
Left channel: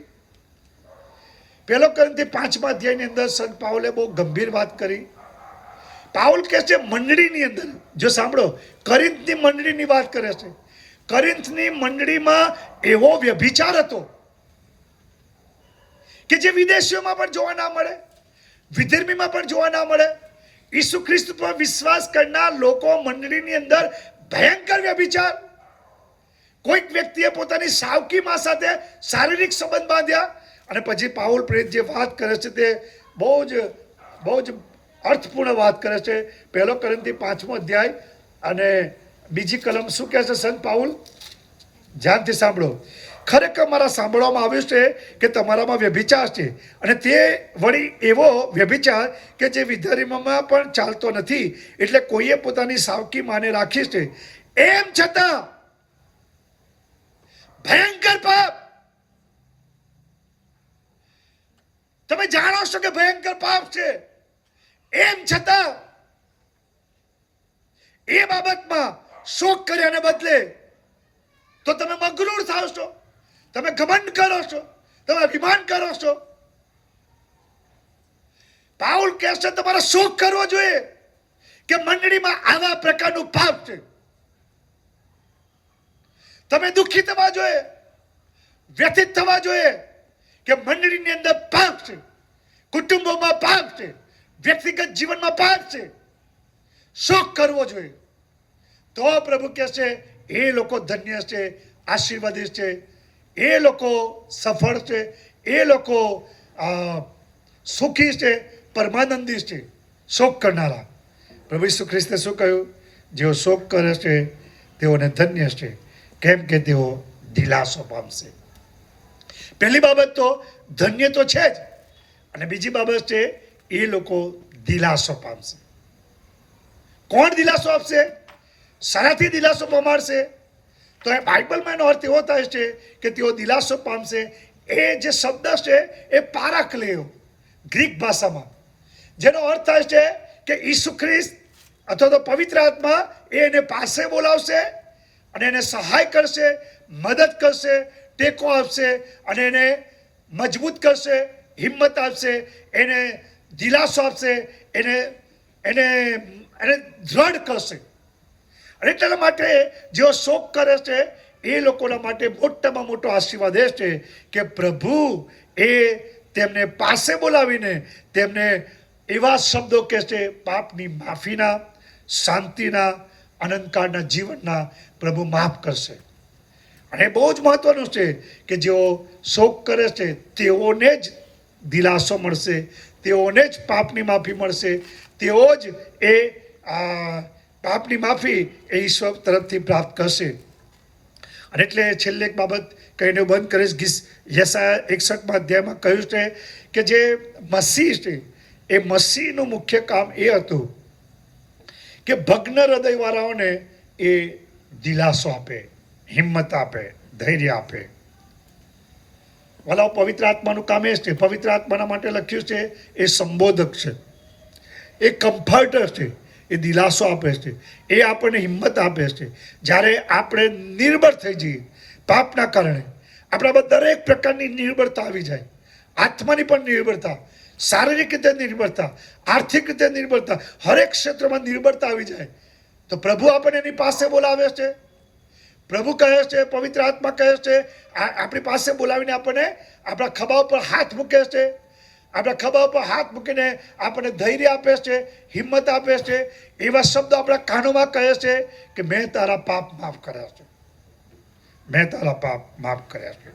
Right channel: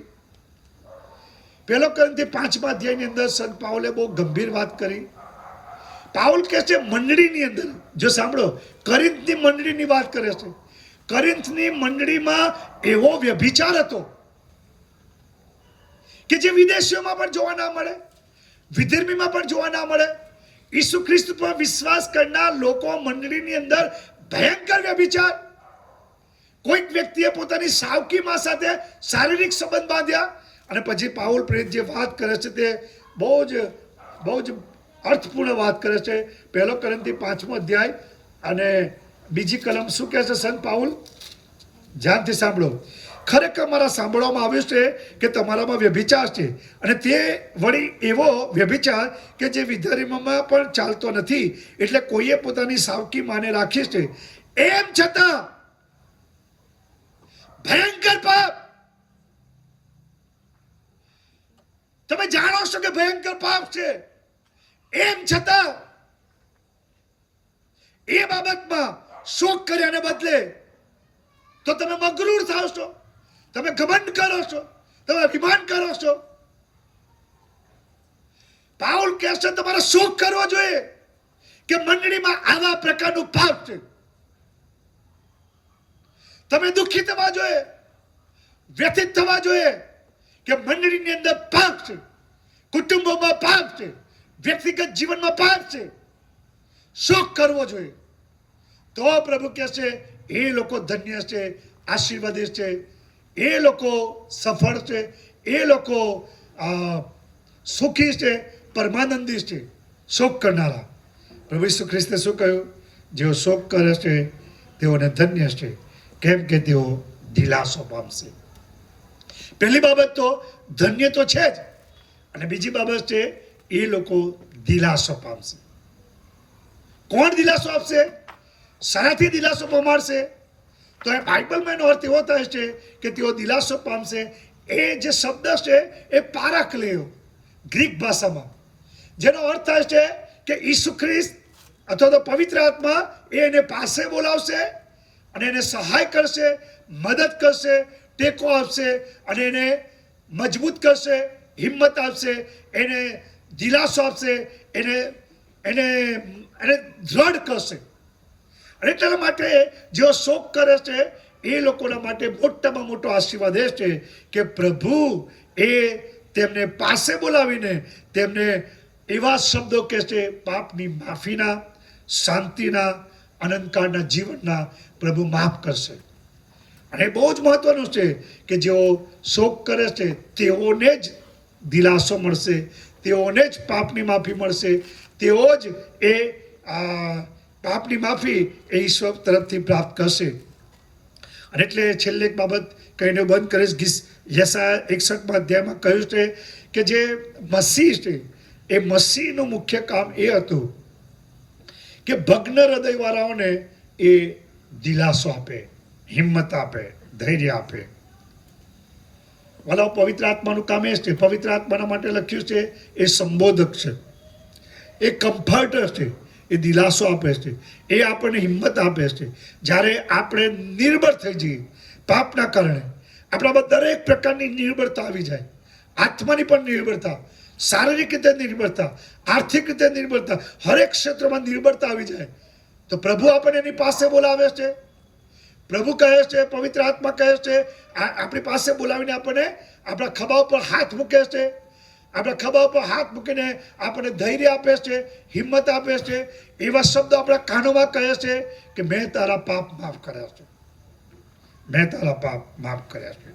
1 કોરિન્થી 5મા અધ્યાયની અંદર સંત પાઉલે બહુ ગંભીર વાત કરી. પાઉલ કહે છે મંડળીની અંદર, જો સાંભળો, કોરિન્થની મંડળીની વાત કરે છે. કોરિન્થની મંડળીમાં એવો વ્યભિચાર હતો કે જે વિદેશીઓમાં પણ જોવા ના મળે, વિધર્મીમાં પણ જોવા ના મળે. ઈસુ ખ્રિસ્ત પર વિશ્વાસ કરનાર લોકો મંડળીની અંદર ભયંકર વ્યભિચાર. કોઈક વ્યક્તિએ પોતાની સાવકીમાં સાથે શારીરિક સંબંધ બાંધ્યા, અને પછી પાઉલ પ્રેરિત જે વાત કરે છે તે બહુ જ અર્થપૂર્ણ વાત કરે છે. 1 કોરિન્થી 5મો અધ્યાય અને બીજી કલમ શું કહે છે સંત પાઉલ? ધ્યાનથી સાંભળો. ખરેખર મારા સાંભળવામાં આવ્યું છે કે તમારામાં વ્યભિચાર છે, અને તે વળી એવો વ્યભિચાર કે જે વિધર્મીમાં પણ ચાલતો નથી. એટલે કોઈએ પોતાની સાવકી માને રાખી છે, એમ છતાં ભયંકર પાપ. તમે જાણો છો કે ભયંકર પાપ છે, એમ છતાં એ બાબતમાં શોક કર્યાને બદલે તો તમે મગરૂર થાવ છો, તમે ઘમંડ કરો છો, તમે અભિમાન કરો છો. પાઉલ કહે છે તમારે શોક કરવો જોઈએ કે મંડળીમાં આવા પ્રકારનું પાપ છે. તમે દુઃખી થવા જોઈએ, વ્યથિત થવા જોઈએ કે મંડળીની અંદર પાપ છે, કુટુંબોમાં પાપ છે, વ્યક્તિગત જીવનમાં પાપ છે. શોક કરવો જોઈએ. તો પ્રભુ કહે છે એ લોકો ધન્ય છે, આશીર્વાદિત છે, એ લોકો સફળ છે, એ લોકો સુખી છે, પરમાનંદી છે. શોક કરનારા. પ્રભુ ઈસુ ખ્રિસ્તે શું કહ્યું? જેઓ શોક કરે છે તેઓને ધન્ય છે, કેમ કે તેઓ દિલાસો પામશે. પહેલી બાબત તો ધન્ય તો છે જ, અને બીજી બાબત છે એ લોકો દિલાસો પામશે. કોણ દિલાસો આપશે? શરાથી દિલાસો પમાડશે? તો એ બાઇબલમાં એનો અર્થ એવો થાય છે કે તેઓ દિલાસો પામશે. એ જે શબ્દ છે એ પારાક્લેયો ગ્રીક ભાષામાં, જેનો અર્થ થાય છે કે ઈસુ ખ્રિસ્ત અથવા તો પવિત્ર આત્મા એને પાસે બોલાવશે અને એને સહાય કરશે, મદદ કરશે, ટેકો આપશે, અને એને મજબૂત કરશે, હિંમત આપશે, એને દિલાસો આપશે, એને દ્રઢ કરશે. અને એટલા માટે જેઓ શોક કરે છે એ લોકોના માટે મોટામાં મોટો આશીર્વાદ એ છે કે પ્રભુ એ તેમને પાસે બોલાવીને તેમને એવા શબ્દો કહે છે પાપની માફીના, શાંતિના, અનંતકાળના જીવનના પ્રભુ માફ કરશે. અને બહુ જ મહત્વનું છે કે જેઓ શોક કરે છે તેઓને જ દિલાસો મળશે, તેઓને જ પાપની માફી મળશે, તેઓ જ એ પાપની માફી એ ઈશ્વર તરફથી પ્રાપ્ત કરશે. અને એટલે છેલ્લે એક બાબત કહીને બંધ કરીશ. યશાયા 61મા અધ્યાયમાં કહ્યું છે કે જે મસીહ છે, એ મસીહનું મુખ્ય કામ એ હતું કે ભગ્ન હૃદયવાળાઓને એ દિલાસો આપે, હિંમત આપે, ધૈર્ય આપે. વાલા, પવિત્ર આત્માનું કામ એ છે. પવિત્ર આત્માના માટે લખ્યું છે એ સંબોધક છે, એ કમ્ફર્ટર છે, એ દિલાસો આપે છે, એ આપણને હિંમત આપે છે. જ્યારે આપણે નિર્બળ થઈ જઈએ પાપના કારણે, આપણામાં દરેક પ્રકારની નિર્બળતા આવી જાય, આત્માની પણ નિર્બળતા, શારીરિક રીતે નિર્બળતા, આર્થિક રીતે નિર્બળતા, હરેક ક્ષેત્રમાં નિર્બળતા આવી જાય, તો પ્રભુ આપણને એની પાસે બોલાવે છે. પ્રભુ કહે છે, પવિત્ર આત્મા કહે છે, આપણી પાસે બોલાવીને આપણને આપણા ખભા ઉપર હાથ મૂકે છે, આપણા ખભા ઉપર હાથ મૂકીને આપણને ધૈર્ય આપે છે, હિંમત આપે છે. એવા શબ્દો આપણા કાનોમાં કહે છે કે મેં તારા પાપ માફ કર્યા છે, મેં તારા પાપ માફ કર્યા છે.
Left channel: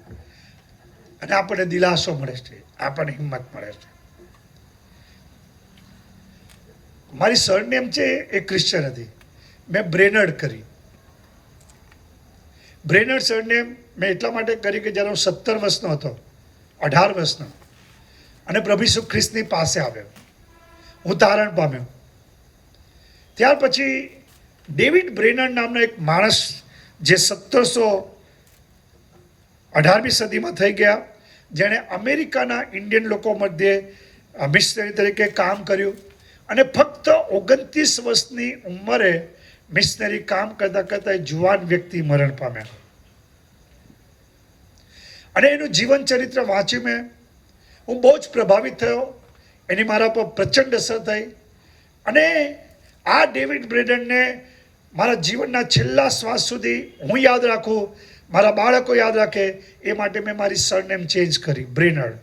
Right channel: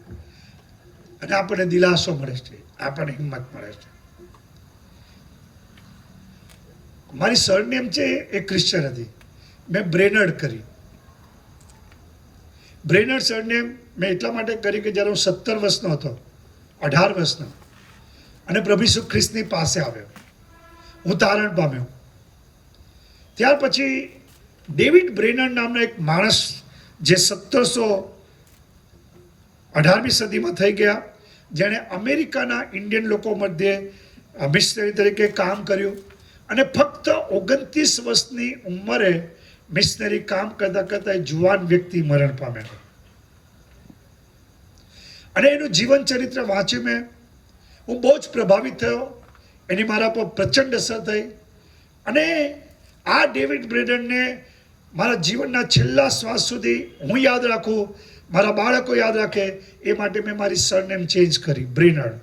અને આપણને દિલાસો મળે છે, આપણને હિંમત મળે છે. મારી સરનેમ છે એ ક્રિશ્ચન હતી, મેં બ્રેનર્ડ કરી. બ્રેનર્ડ સરનેમ મેં એટલા માટે કરી કે જ્યારે હું 17 વર્ષનો હતો, 18 વર્ષનો, અને પ્રભુ ઈસુ ખ્રિસ્તની પાસે આવ્યો, હું તારણ પામ્યો. ત્યાર પછી ડેવિડ બ્રેનર્ડ નામનો એક માણસ જે 1718મી સદીમાં થઈ ગયા, જેણે અમેરિકાના ઇન્ડિયન લોકો મધ્યે મિશનરી તરીકે કામ કર્યું, અને ફક્ત 29 વર્ષની ઉંમરે મિશનરી કામ કરતા કરતા એ જુવાન વ્યક્તિ મરણ પામ્યા. અને એનું જીવન ચરિત્ર વાંચી મેં હું બહુ જ પ્રભાવિત થયો. એની મારા પર પ્રચંડ અસર થઈ. અને આ ડેવિડ બ્રેનર્ડને મારા જીવનના છેલ્લા શ્વાસ સુધી હું યાદ રાખું, મારા બાળકો યાદ રાખે, એ માટે મેં મારી સરનેમ ચેન્જ કરી, બ્રેનર્ડ.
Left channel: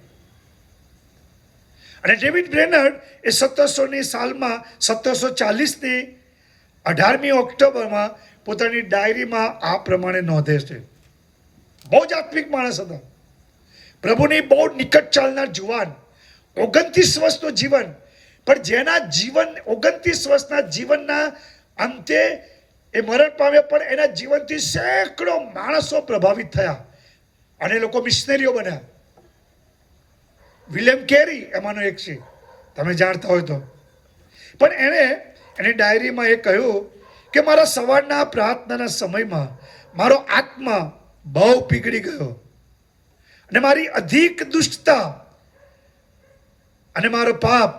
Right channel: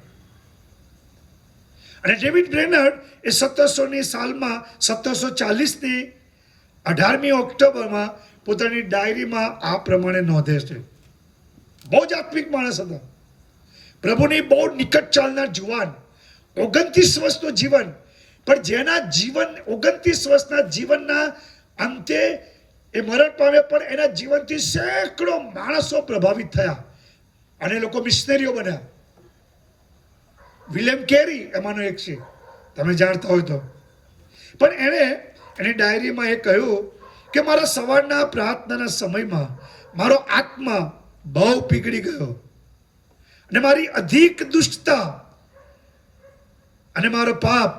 અને ડેવિડ બ્રેનર્ડ એ 1700ની સાલમાં 1740ની 18મી ઓક્ટોબરમાં પોતાની ડાયરીમાં આ પ્રમાણે નોંધે છે. બહુ જ આત્મિક માણસ હતા, પ્રભુની બહુ નિકટ ચાલનાર જુવાન, 29 વર્ષનું જીવન, પણ જેના જીવન 29 વર્ષના જીવનના અંતે એ મરણ પામ્યા, પણ એના જીવનથી સેંકડો માણસો પ્રભાવિત થયા અને એ લોકો મિશનરીઓ બન્યા. વિલિયમ કેરી એમાંનો એક છે, તમે જાણતા હોય તો. પણ એણે એની ડાયરીમાં એ કહ્યું કે મારા સવારના પ્રાર્થનાના સમયમાં મારો આત્મા બહુ પીગળી ગયો, અને મારી અધિક દુષ્ટતા અને મારો પાપ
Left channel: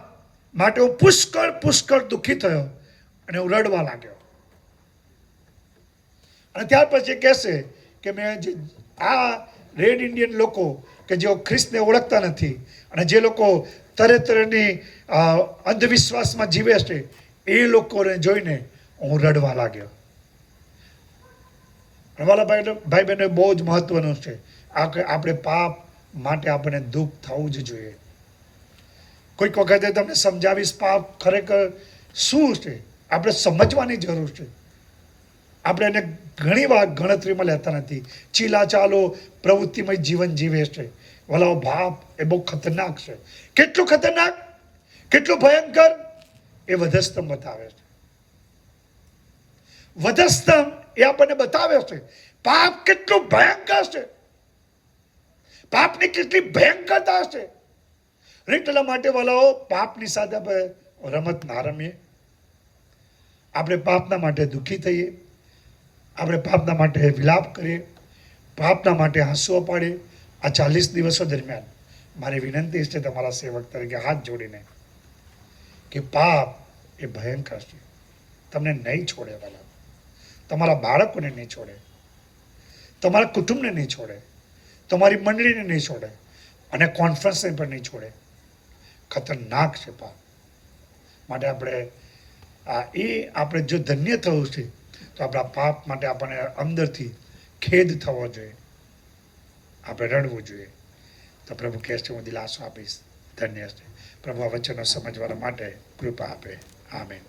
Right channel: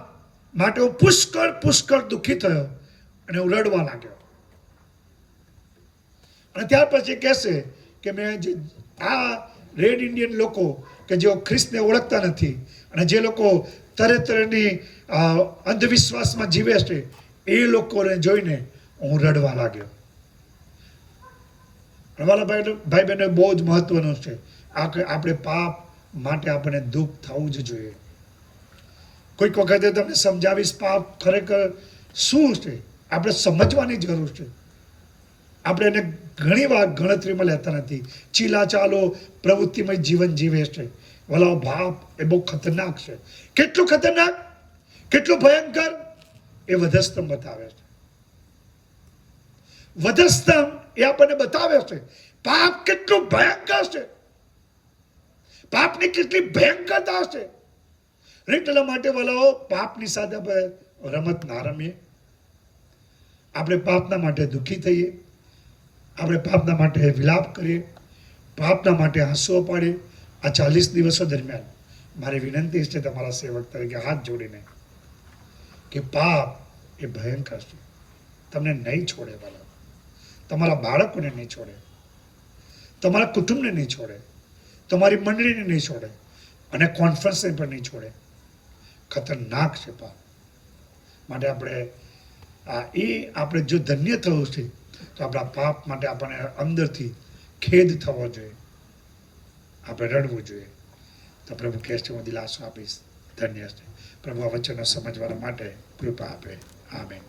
માટે હું પુષ્કળ દુઃખી થયો, અને હું રડવા લાગ્યો. અને ત્યાર પછી કહેશે કે મેં જે આ રેડ ઇન્ડિયન લોકો કે જેઓ ખ્રિસ્તને ઓળખતા નથી, અને જે લોકો તરતરની અંધવિશ્વાસમાં જીવે છે, એ લોકોને જોઈને હું રડવા લાગ્યો. વાલા ભાઈ બહેનો, બહુ જ મહત્વનું છે. આપણે પાપ માટે આપણને દુઃખ થવું જ જોઈએ. કોઈક વખતે તમને સમજાવીશ પાપ ખરેખર શું છે, આપણે સમજવાની જરૂર છે. આપણે એને ઘણી વાર ગણતરીમાં લેતા નથી. ચીલા ચાલો પ્રવૃત્તિમય જીવન જીવે છે. વાલા, પાપ એ બહુ ખતરનાક છે. કેટલું ખતરનાક, કેટલું ભયંકર, એ વધસ્તંભ બતાવે છે. વધસ્તંભ એ આપણને બતાવે છે પાપ કેટલું ભયંકર છે, પાપની કેટલી ભયંકરતા છે. એટલા માટે વાલાઓ, પાપની સાથે આપણે રમત ના રમીએ. આપણે પાપના માટે દુઃખી થઈએ, આપણે પાપના માટે વિલાપ કરીએ, પાપના માટે આંસુઓ પાડીએ. આ 40 દિવસો દરમિયાન મારી વિનંતી છે તમારા સેવક તરીકે હાથ જોડીને કે પાપ એ ભયંકર છે, તમને નહીં છોડે વાલા, તમારા બાળકોને નહીં છોડે, તમારા કુટુંબને નહીં છોડે, તમારી મંડળીને નહીં છોડે, અને કોન્ફરન્સને પણ નહીં છોડે. ખતરનાક છે પાપ. માટે આપણે જો ધન્ય થવું છે તો આપણા પાપ માટે આપણને અંદરથી ખેદ થવો જોઈએ, આપણે રડવું જોઈએ. તો પ્રભુ કહે છે હું દિલાસો આપીશ. ધન્ય છે પ્રભુ આ વચનો સમજવા માટે કૃપા આપે. આમેન.